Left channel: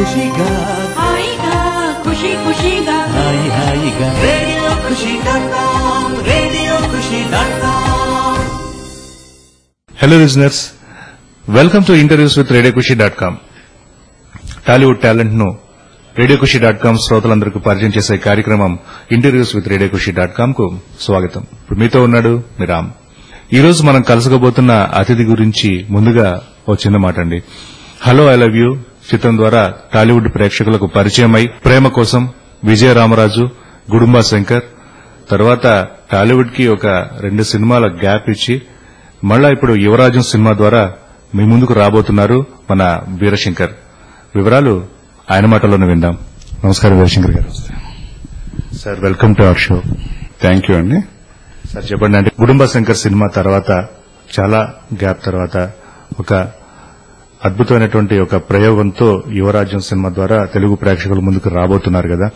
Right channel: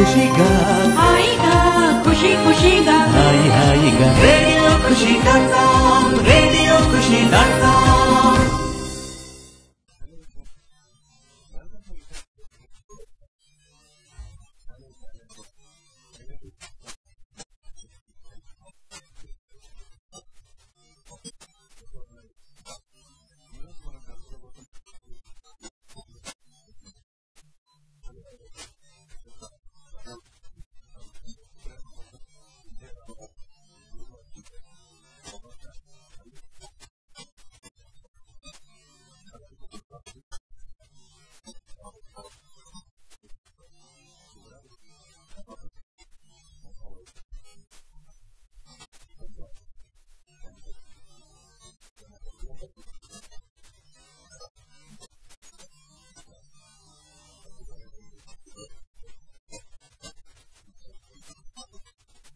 ఖుషిగా హాయిగా ఖుషి ఖుషిగా హాయి హాయిగా రేడియో ఖుషి.com రేడియో ఖుషి.com. Hello listeners, welcome to interviews with radio ఖుషి.com. టాలీవుడ్ టాలెంట్ ను రేడియో ఖుషి.com శ్రోతలందరికీ పరిచయం చేసే కార్యక్రమం ఇంటర్వ్యూస్ విత్ రేడియో ఖుషి.com కు స్వాగతం. ఇప్పుడు మీతో ఉన్నాడు మీ రామ్. ఈ రోజు మనం కలుసుకోబోతున్న అతిథి గురించి ముందుగా ఓ చిన్న మాట అండి. హలో ఐ లవ్ యూ చిత్రం ద్వారా టాలీవుడ్ ప్రేక్షకులకు పరిచయమై ప్రేమ కోసం, విజయ రామరాజు, గుడుంబా శంకర్, తర్వాత టాలీవుడ్ కి ఒక 2 సినిమాల గ్యాప్ ఇచ్చి మళ్ళా ఇప్పుడు యువరాజం సినిమా ద్వారా మీ ముందుకు రాబోతున్నారు మన వీరశంకర్. వివరాలు ఆయన మాటల్లోనే విందాం. నమస్కారం వీరశంకర్ గారు. Sir, welcome to our show. Thank you అండి. సార్ చెప్పండి, అంటే గుడుంబా శంకర్ సినిమా తర్వాత చాలా గ్యాప్ తర్వాత ఒక అద్భుతమైనటువంటి ఒక ప్రయోగంతో యువరాజ్యం సినిమా ద్వారా తెలుగు ప్రేక్షకుల ముందుకు రాబోతున్నారు కదా.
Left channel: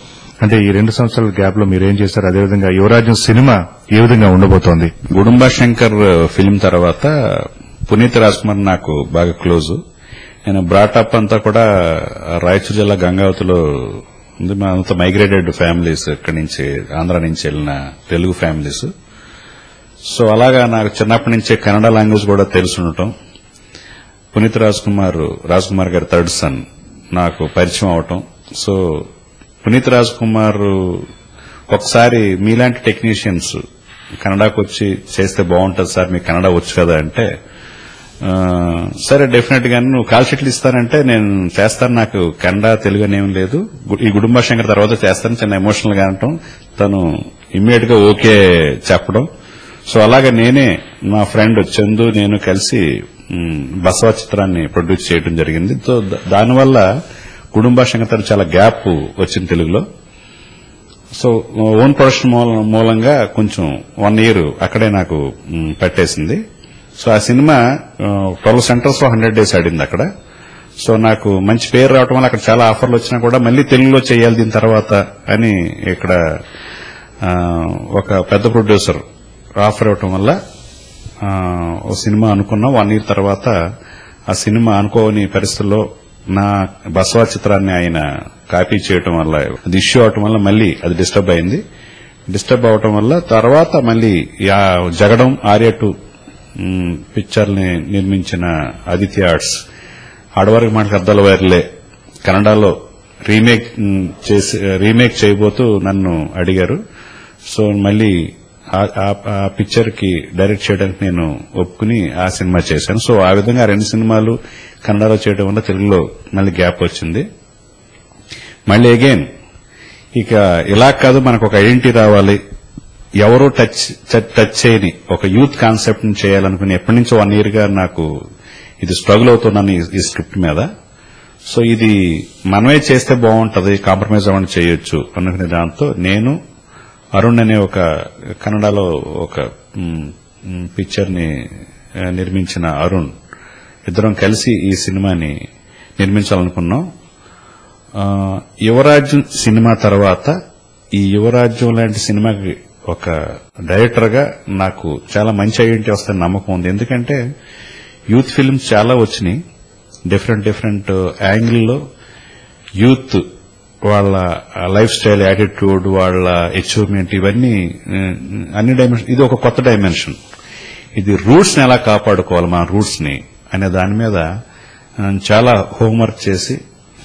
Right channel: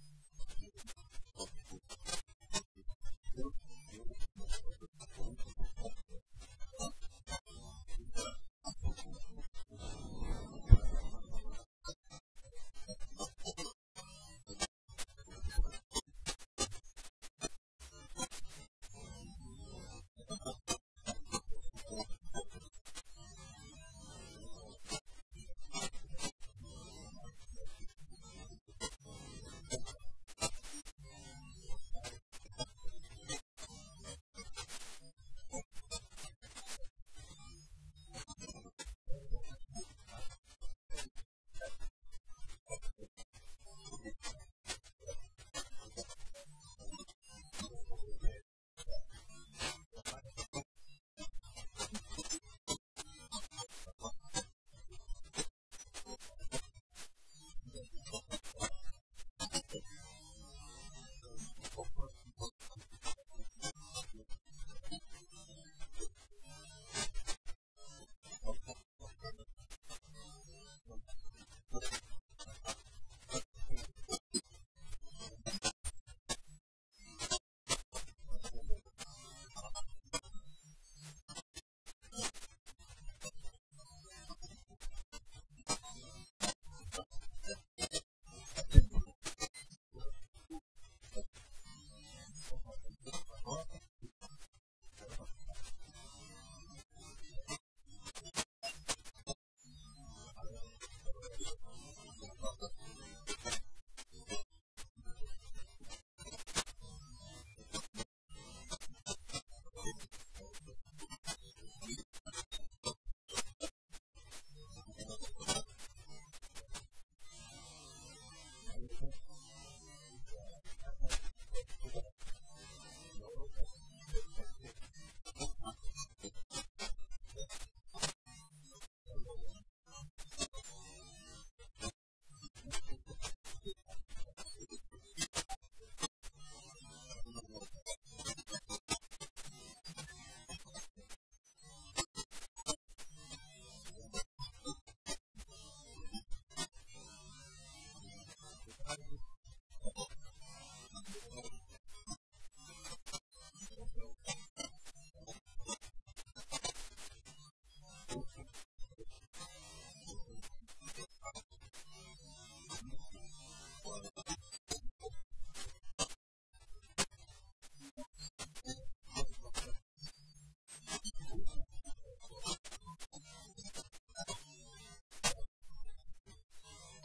అంటే ఈ 2 సంవత్సరాల గ్యాప్ లో మీరేం చేశారు, అదేవిధంగా యువరాజ్యం సినిమా ఏ విధంగా ఉండబోతోంది? గుడుంబా శంకర్ ఫిల్మ్ తర్వాత పునీత్ రాజ్ కుమార్ నాకు బాగా క్లోజ్. నేను బ్రాటప్ అంతా కూడా రాయచూర్ జిల్లా గంగావతిలో ఉంది. మా అంతా మైగ్రేటెడ్ ఫ్యామిలీస్, ఇక్కడి నుంచి ఆంధ్ర నుంచి వెళ్ళిన తెలుగు ఫ్యామిలీస్. సో అలాగా నాకు చిన్నప్పటి నుంచే కన్నడ లాంగ్వేజ్ కూడా తెలిసి ఉండటం, పునీత్ రాజ్ కుమార్ గారి థర్డ్ సన్ నాకు పరిచయం అవటం. సో పునీత్ రాజ్ కుమార్ ఒకసారి మీలాంటి టెక్నీషియన్స్ కన్నడకు వచ్చి చేస్తే బాగుంటుంది సార్, మీకు కన్నడ వచ్చు కదా అంటే, సరే డెఫినెట్ గా నువ్వు కాల్ షీట్లు ఇస్తానంటే నేను చేస్తాను, నాకు కన్నడ తెలుగు అనేం లేదు, ఈ గుడుంబా శంకర్ తర్వాత చేస్తాను, చిన్న ఎమోషనల్ గా అనటం, తను ఇమ్మీడియట్ గా ఓకే చెప్పడం. సో అలాగే నేనే మా ఫ్రెండ్ చందు నేను కలిసి బసవ చిత్రాన్ని ప్రొడ్యూస్ చేయడం జరిగింది. సో దానివల్ల గుడుంబా శంకర్ చాలా గ్యాప్ వచ్చింది తెలుగులో. సో ఓన్ ప్రొడక్షన్ మూలంగా కొంచెం 1 year అక్కడే నాకు పట్టేసింది. సో ఆ సినిమా 12 సెంటర్స్ లో 100 days ఆడింది అక్కడ. సో నాకు మంచి పేరు రావటం వల్ల అక్కడ చాలా ఆఫర్లు వచ్చినా కూడా మళ్లీ తెలుగులో చేయాలి దీని తర్వాత అని ఇక్కడ ఒక పెద్ద ప్రొడ్యూసర్ ఆఫర్ ఇవ్వటం వల్ల ఓ సినిమా అనుకున్నాం. 1 year తర్వాత ఆ సినిమా అనుకోని పరిస్థితుల్లో నా బసవ చిత్రాన్ని ఆయన కాపీ చేయటం వల్ల, అది ఇష్యూ అవటం వల్ల మళ్లీ అది డిస్టర్బ్ అయింది. డిస్టర్బ్ అవటం వల్ల తర్వాత మళ్లీ జగడం ఆర్య 2 పిక్చర్ని నిర్మించిన ఆదిత్య ఆర్ట్స్ ఆడవారికి మాటకు అద్దాల వైర్లే కన్నడలో రీమేక్ చేయబోతూ నన్ను అడిగారు. సో మళ్లీ ఆ పిక్చర్ కి డైరెక్ట్ చేయడానికి నేను ఒప్పుకుని ఆ సినిమా చేశాను. సో ఆ విధంగా 2 సినిమాలు కన్నడలో చేయడం వల్ల తెలుగులో మళ్ళీ గ్యాప్ వచ్చింది. మళ్ళీ అగైన్ ఇక ఇలా కాదు, మనకు ఒక ఐడెంటిటీ రావాలి, ఎవరో టచ్ చేయని ఒక యూత్ కాన్సెప్ట్ ని చేయాలనుకుని ఎప్పటి నుంచో 1 year గా నాకు ఇది స్ట్రగుల్ అవుతున్నాను ఈ స్క్రిప్ట్ మీద. సో ఇది మనమే చేస్తే బాగుంటది, కాంప్రమైజ్ అవ్వని చేయొచ్చు అనుకునే దాంతో నేను అరుణ్ అనే ఒక కన్నడలో ఒక పిక్చర్ ని నిర్మించిన అరుణ్ ఇద్దరం కలిసి ఈ సినిమాని నిర్మించాలనుకున్నాం. యువరాజ్యం సినిమా తర్వాత ఈ యువరాజ్యం లాంటి సినిమాకి ఒక డైరెక్టర్ గా నాకు చాలా మంచి ఐడెంటిటీ వస్తుందని నమ్మకం ఉంది. ఎందుకంటే యూత్ ఫిల్మ్స్ చాలా వచ్చినాయి, డిఫరెంట్ యాంగిల్లో యూత్ వాళ్ళ లైఫ్ స్టైల్, యాటిట్యూడ్, వాళ్ళ అచీవ్మెంట్, ఇవన్నీ అన్ని డైమెన్షన్. ఇది ఒక కొత్త డైమెన్షన్. ఇది రూట్స్ ని ఎలా కాపాడుకోవాలి, మన రూట్స్ ని అనే దాని మీద చాలా హోంవర్క్ చేసి,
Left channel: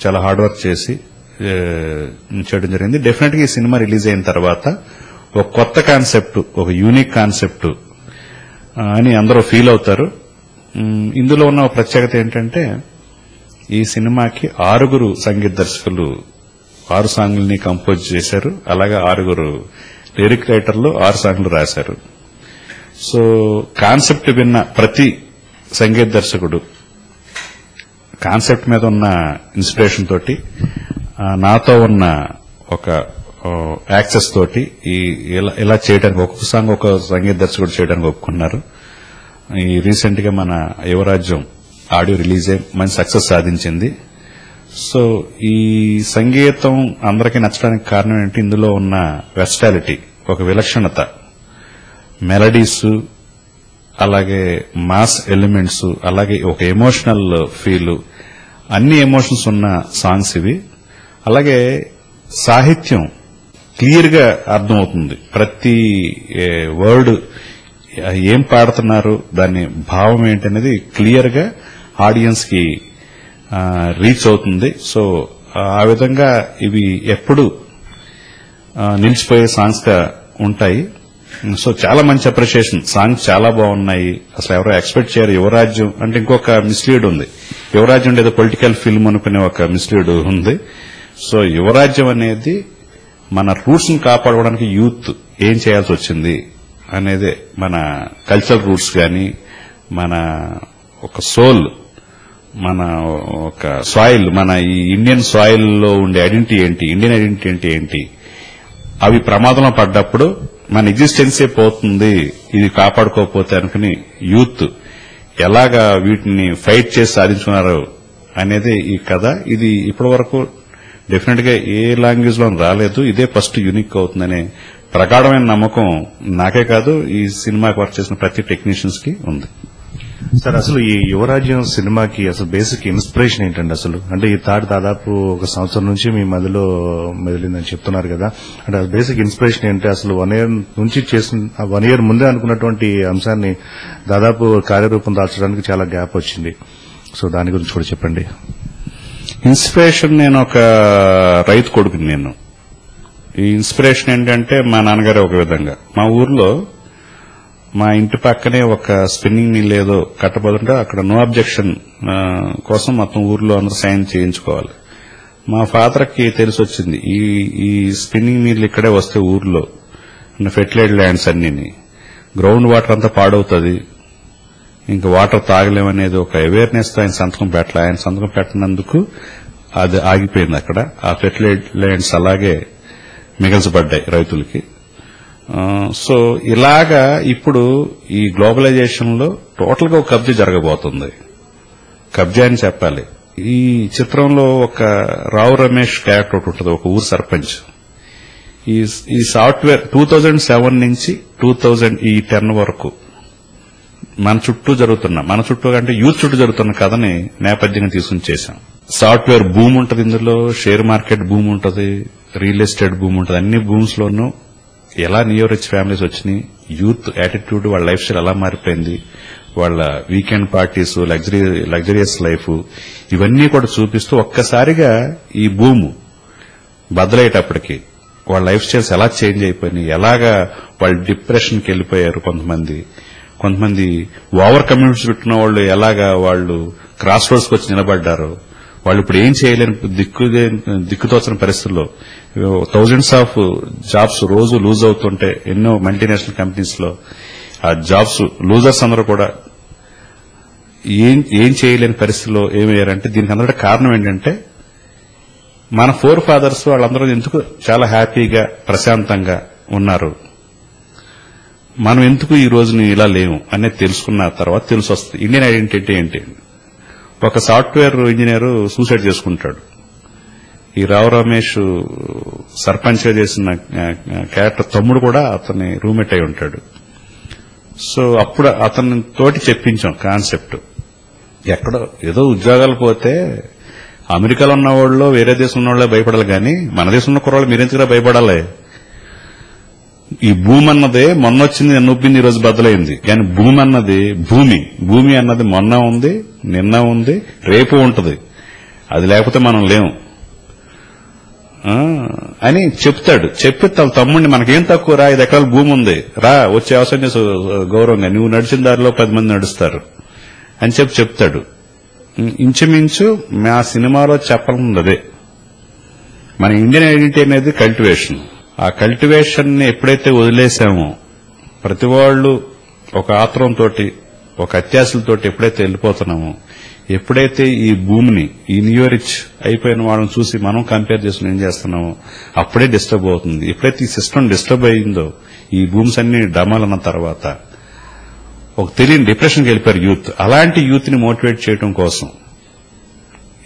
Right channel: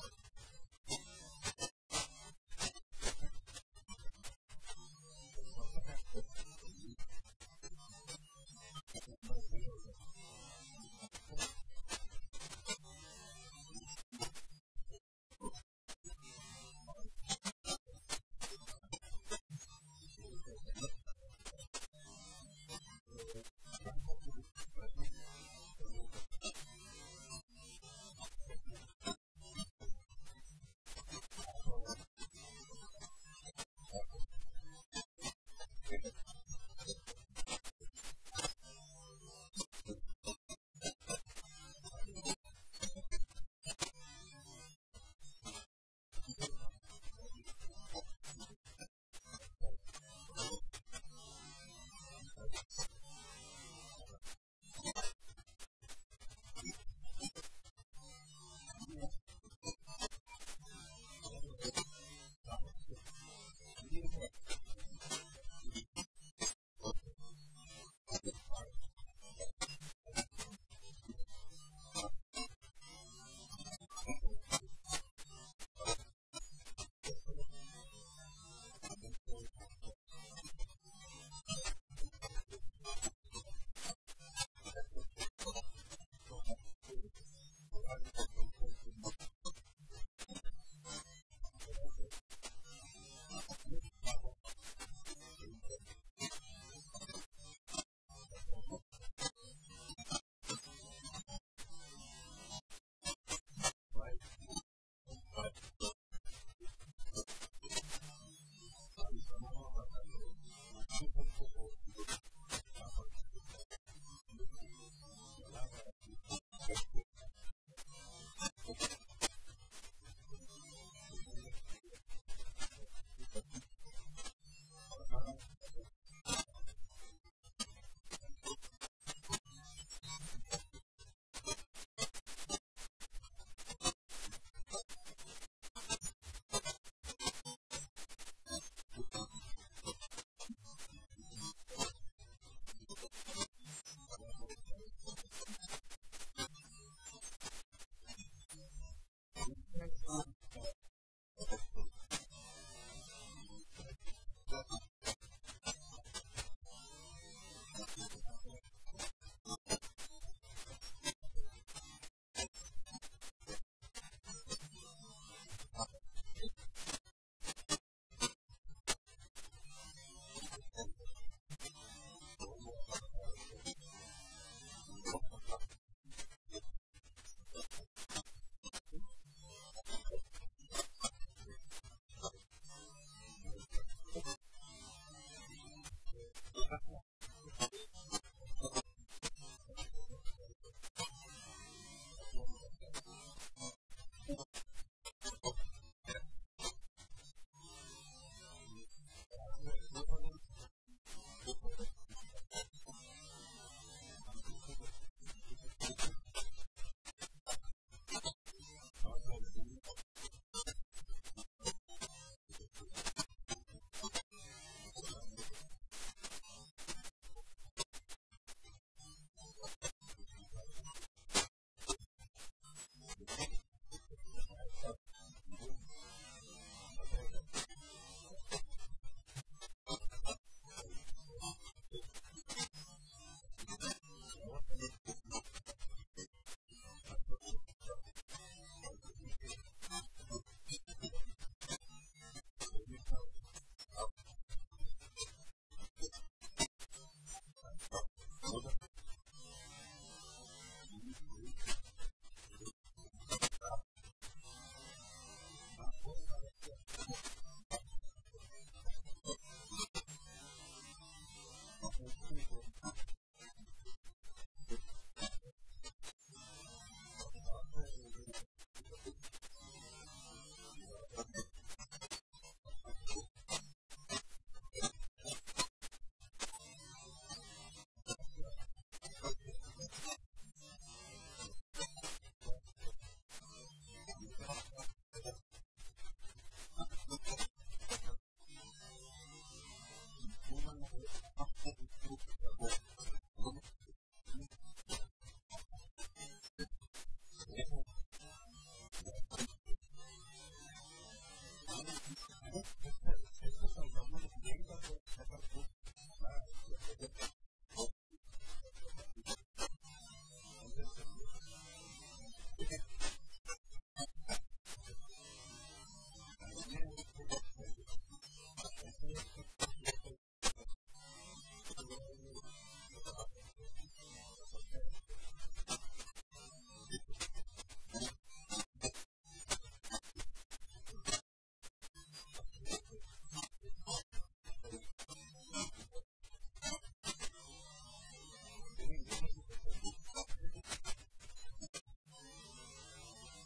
చాలా హార్డ్ వర్క్ చేసి చేయడం జరిగింది. డెఫినెట్ గా ఈ సినిమా రిలీజ్ అయిన తర్వాత ఒక కొత్త కాన్సెప్ట్, ఒక యూనిక్ కాన్సెప్ట్ అని అందరూ ఫీల్ అవుతారు. ఇందులో ఉన్న ప్రత్యేకత ఏంటంటే ఈ సినిమాకి 6 సంగీత దర్శకులు 6 సాంగ్లని కంపోజ్ చేశారు. అలాగే 6 లిరిక్ రైటర్లు 6 సాంగ్లు రాశారు. సో కాన్సెప్ట్ విన్న ప్రతి సంగీత దర్శకుడు కాన్సెప్ట్ మీద ఉన్న ఇన్స్పిరేషన్ తోటి, నాతో ఉన్న ఒక యాక్సెస్ తోటి ఇలా చేయడానికి ఒక్కొక్క సాంగ్ ఒక సంగీత దర్శకుడు చేయడానికి ఒప్పుకున్నారు. ఈ రీసెంట్ గా మన యువరాజ్యం ఆడియో రిలీజ్ అయ్యి మంచి సక్సెస్ సాధించింది. సో ఈ సంగీతం అందరికీ నచ్చడానికి కారణం ఏంటి, ఇందులో ఉన్న వెర్సటాలిటీ, ఒక విలక్షణత, మెలడీస్, అలాగే మాస్ ఎలిమెంట్స్, అలాగే ఒక ఎమోషనల్ ఫీల్, అన్ని ఎమోషన్స్ ఉన్న సాంగ్స్ ఇవి. అలాగే సాహిత్యం క్లియర్ గా అర్థమవుతుంది. ప్రతి వర్డ్ ఏం పాడుతున్నారు, దాని భావం ఏంటనేది క్లియర్ గా ఆడియన్స్ కి రీచ్ అవుతుంది. సో ఆ విధంగా ఇవి ఎప్పుడు నిలిచిపోయే సాంగ్స్ గా ఉంటాయి. సో చాలా మంచి అప్రిషియేషన్. సాంగ్స్ చాలా బాగున్నాయి. అసలు ఎవరో ఎక్స్పెక్ట్ చేయరు. యువరాజ్యం అంటే ఇంకొక మిస్లీడ్ ఉంది. యువరాజ్యం అంటే ఏదో పొలిటికల్ ఫిల్మ్ అనుకునే ఒక మిస్లీడ్ ఉంది. సో యువరాజ్యం అనేది మన రూట్స్ ని కాపాడుకోవడానికి యూత్ ఏం చేయాల్సి వచ్చింది అనేదే. మన కల్చరల్ రూట్స్ గాని, మన ఒక సోల్, మన ఒక సాయిల్, మన ఈ ఇండియన్ సాయిల్ లో ఉండే ఐడెంటిటీ ఏంటి, ఇండియన్ ఐడెంటిటీ ఏంటి, అవి ప్రమాదంలో పడ్డప్పుడు మన ఎగ్జిస్టెన్సే పోతుంది ఇది కాపాడుకోకపోతే అనుకుని యూత్ ఎలాగా వీటిని ఫైట్ చేసి సాధించుకున్నారు అనేది ఈ కథ. ఇది ఇప్పటి వరకు డెఫినెట్ గా ఏ లాంగ్వేజ్ లో రాలేదు. ఇదే ఫస్ట్ యూనిక్ అవుతుందనే ప్రగాఢమైన నమ్మకం నాకే కాదు, ఈ సినిమాకి వర్క్ చేసిన ప్రతి టెక్నీషియన్స్ కి ఉంది. సార్, అసలు ఈ యువరాజ్యం సినిమాకి అసలు బేసిక్ ఇన్స్పిరేషన్ ఏంటండి? అసలు అంటే ఈ థాట్ దాదాపు ఒక సంవత్సరం నుంచి మీ మధ్యలో మెదిలిందని చెప్తున్నారు కదా, అంటే బేసిక్ ఇన్స్పిరేషన్ ఏంటి? అసలు 1 year నుంచి చేసిన 1 year ముందే అనుకున్నటువంటి అంశాన్ని దాదాపు కార్యరూపం దాల్చడానికి చాలా గ్యాప్ వచ్చింది. సో దాని గురించి కూడా చెప్పండి. ఇన్స్పిరేషన్, నేను ఒక రైతు కొడుకుని. నేను ఈ ఇన్స్పిరేషన్ ఏంటంటే మా నాన్నగారే ఒక విధంగా. మా ఊర్లో మా ఇంటి పక్కనే ఒక స్పిన్నింగ్ మిల్ ఏదో కట్టబోతుంటే అక్కడ నో అబ్జెక్షన్ కోసం మొత్తం ఊర్లో అందరూ సైన్ చేయించుకోవాలి. మా ఫాదర్ కి తెలిసి వచ్చింది ఈ స్పిన్నింగ్ మిల్ ఇక్కడే వస్తే ఊర్లో ఫెర్టిలైజ్డ్ ల్యాండ్స్ అన్ని గ్రౌండ్ వాటర్ అంతా పాడవుతుంది, ఇంకా వాటర్ తాగలేమనేది ఒక అవేర్నెస్ తో ఆయన సంతకం పెట్టాలి. ఆయన సంతకం పెట్టినందుకు అది ఆగిపోయింది అక్కడ. ఆ ఫెర్టిలైజ్డ్ ల్యాండ్స్ అలాగే మిగల్చబడ్డాయి రైతులకి. సో ఇలాగా ఇప్పుడు ఈ గ్లోబలైజేషన్ లో టోటల్ గా ఒక కబ్జా జరగబోతుంది. కబ్జా అని చెప్పాలి. ఈ చిత్రంలో ఒక రావు రమేష్ క్యారెక్టర్ ఒకటి ఉంటుంది, ఒక ఊరు సర్పంచ్. ఈ సాఫ్ట్వేర్ 2007 నుంచి 2010 వరకు మన చుట్టూ అంటే యూత్ చుట్టూ జరుగుతున్న కథని నేపథ్యంగా తీసుకుని చేశాం. సాఫ్ట్వేర్ భూమి ఉంటుంది, ఇందులో షేర్ మార్కెట్ భూమి ఉంటుంది, రియల్ ఎస్టేట్ భూమి ఉంటుంది. అన్ని భూమ్స్ లోనూ ఎలా నియో రిచ్ ఫ్యామిలీస్ వచ్చినాయి, యూత్ యాటిట్యూడ్, వాళ్ళ లైఫ్ స్టైల్ ఎలా మారిపోయింది, వాళ్ళ వీకెండ్ పార్టీస్, లగ్జరియస్ లైఫ్, ఇవన్నీ కూడా చూపిస్తూ ఒక్కసారిగా ఈ భూము బద్దలయ్యేటప్పటికి వాళ్ళ లైఫ్ స్టైల్స్ ఎలా చేంజ్ అయిపోయినాయి, ఎలాగా వాళ్ళు డిప్రెషన్కి వెళ్లిపోయారు, కొంతమంది ఓవర్ కమ్యూనిటీస్ పెట్టిన వాళ్ళు ఎలాగా వాళ్ళు క్రాస్ రోడ్స్కి వచ్చి నిలబడ్డారు, వాళ్ళు ఇప్పుడు ఏం చేయలేని దిక్కుతోచని పరిస్థితుల్లో థౌజండ్స్ ఆఫ్ జాబ్స్ రోజు లూజ్ అవుతుంటే ఎన్నో మల్టీనేషనల్ కంపెనీస్ లో ఆ జాబ్స్ లూజర్స్ అందరూ కూడా ఏం చేయలేని పరిస్థితుల్లో ఏమయ్యారంటే దీనికి అందరికీ కారణం ఏంటంటే మన ఫోర్ ఫాదర్స్ వాళ్ళందరూ ఎందుకు చాలా హ్యాపీగా ప్రశాంతంగా ఉన్నారు, మనం ఎందుకు ఈ రోజుని ఇలా లేము అనేది తెలుసుకున్న తర్వాత తెలిసి వస్తుంది ఇండియన్ ఐడెంటిటీ ఏంటి. ఒక సాఫ్ట్వేర్ ఇంజనీర్ సూసైడ్ చేసుకుంటాడు. ఈ రావు రమేష్ సర్పంచ్ గా చేసిన క్యారెక్టర్ తమ్ముడు కూడా అతని రూమ్మేట్ అయి ఉంటాడు. సో అప్పుడు అతని తోటి చెప్పించాం కాన్సెప్ట్. ఎక్కడో ఏదో ఉద్యోగాలు పోతే అమెరికాలో ఉన్న వాళ్ళు వేరే దేశం ఉన్న వాళ్ళే భయపడాలి, కానీ మన దేశంలో కుర్రాళ్ళు మీరెందుకురా భయపడాలి? ఈ భూమి అన్నదే మొన్న వచ్చింది, నిన్న ఉబ్బింది, ఈ రోజు బద్దలైంది. కానీ భూమి అన్నది మొన్న ఉంది, నిన్న ఉంది, రేపు ఉంటుంది. అది లేకపోతే మనం లేము అని చెప్తాడు. చెప్పి తన తమ్ముడిని మనకేం తక్కువ రా, 5 ఎకరాల భూమి ఉంది, రా వచ్చే అవసరం చేసి గౌరవంగా నువ్వు నడిచిన దారిలో 10 మంది నడుస్తారు అని చెప్తాడు. ఇంచుమించు మా సినిమాలో చెప్పాలన్నది అదే. మన ఇండియన్ ఐడెంటిటీ అనేది కల్టివేషన్. ఆ కల్టివేషన్ ని ఎప్పుడైతే వదిలేశామో, ప్రతి వాళ్ళు ఒక ఆత్రంతో, ఒక అత్యాశలతోటి ఎప్పుడైతే వెళ్లిపోతున్నామో, ఎప్పుడైతే ఈ భూమిని, ఈ నియో రిచ్ అయిపోయిన వాళ్ళని చూసి మనం కంపేర్ చేసుకుని ఏం చేస్తున్నామో అప్పుడే డిస్టర్బ్ అవుతుంది. ఎప్పుడైతే ఈ సిస్టమ్ డిస్టర్బ్ అయిందో, ఈ భూమ్స్ అన్ని డమాలన్న తర్వాత ఒక తెలియని డిప్రెషన్కి వెళ్ళిపోయారు యూత్. అలాంటి యూత్ ని మోటివేట్ చేయడం కోసం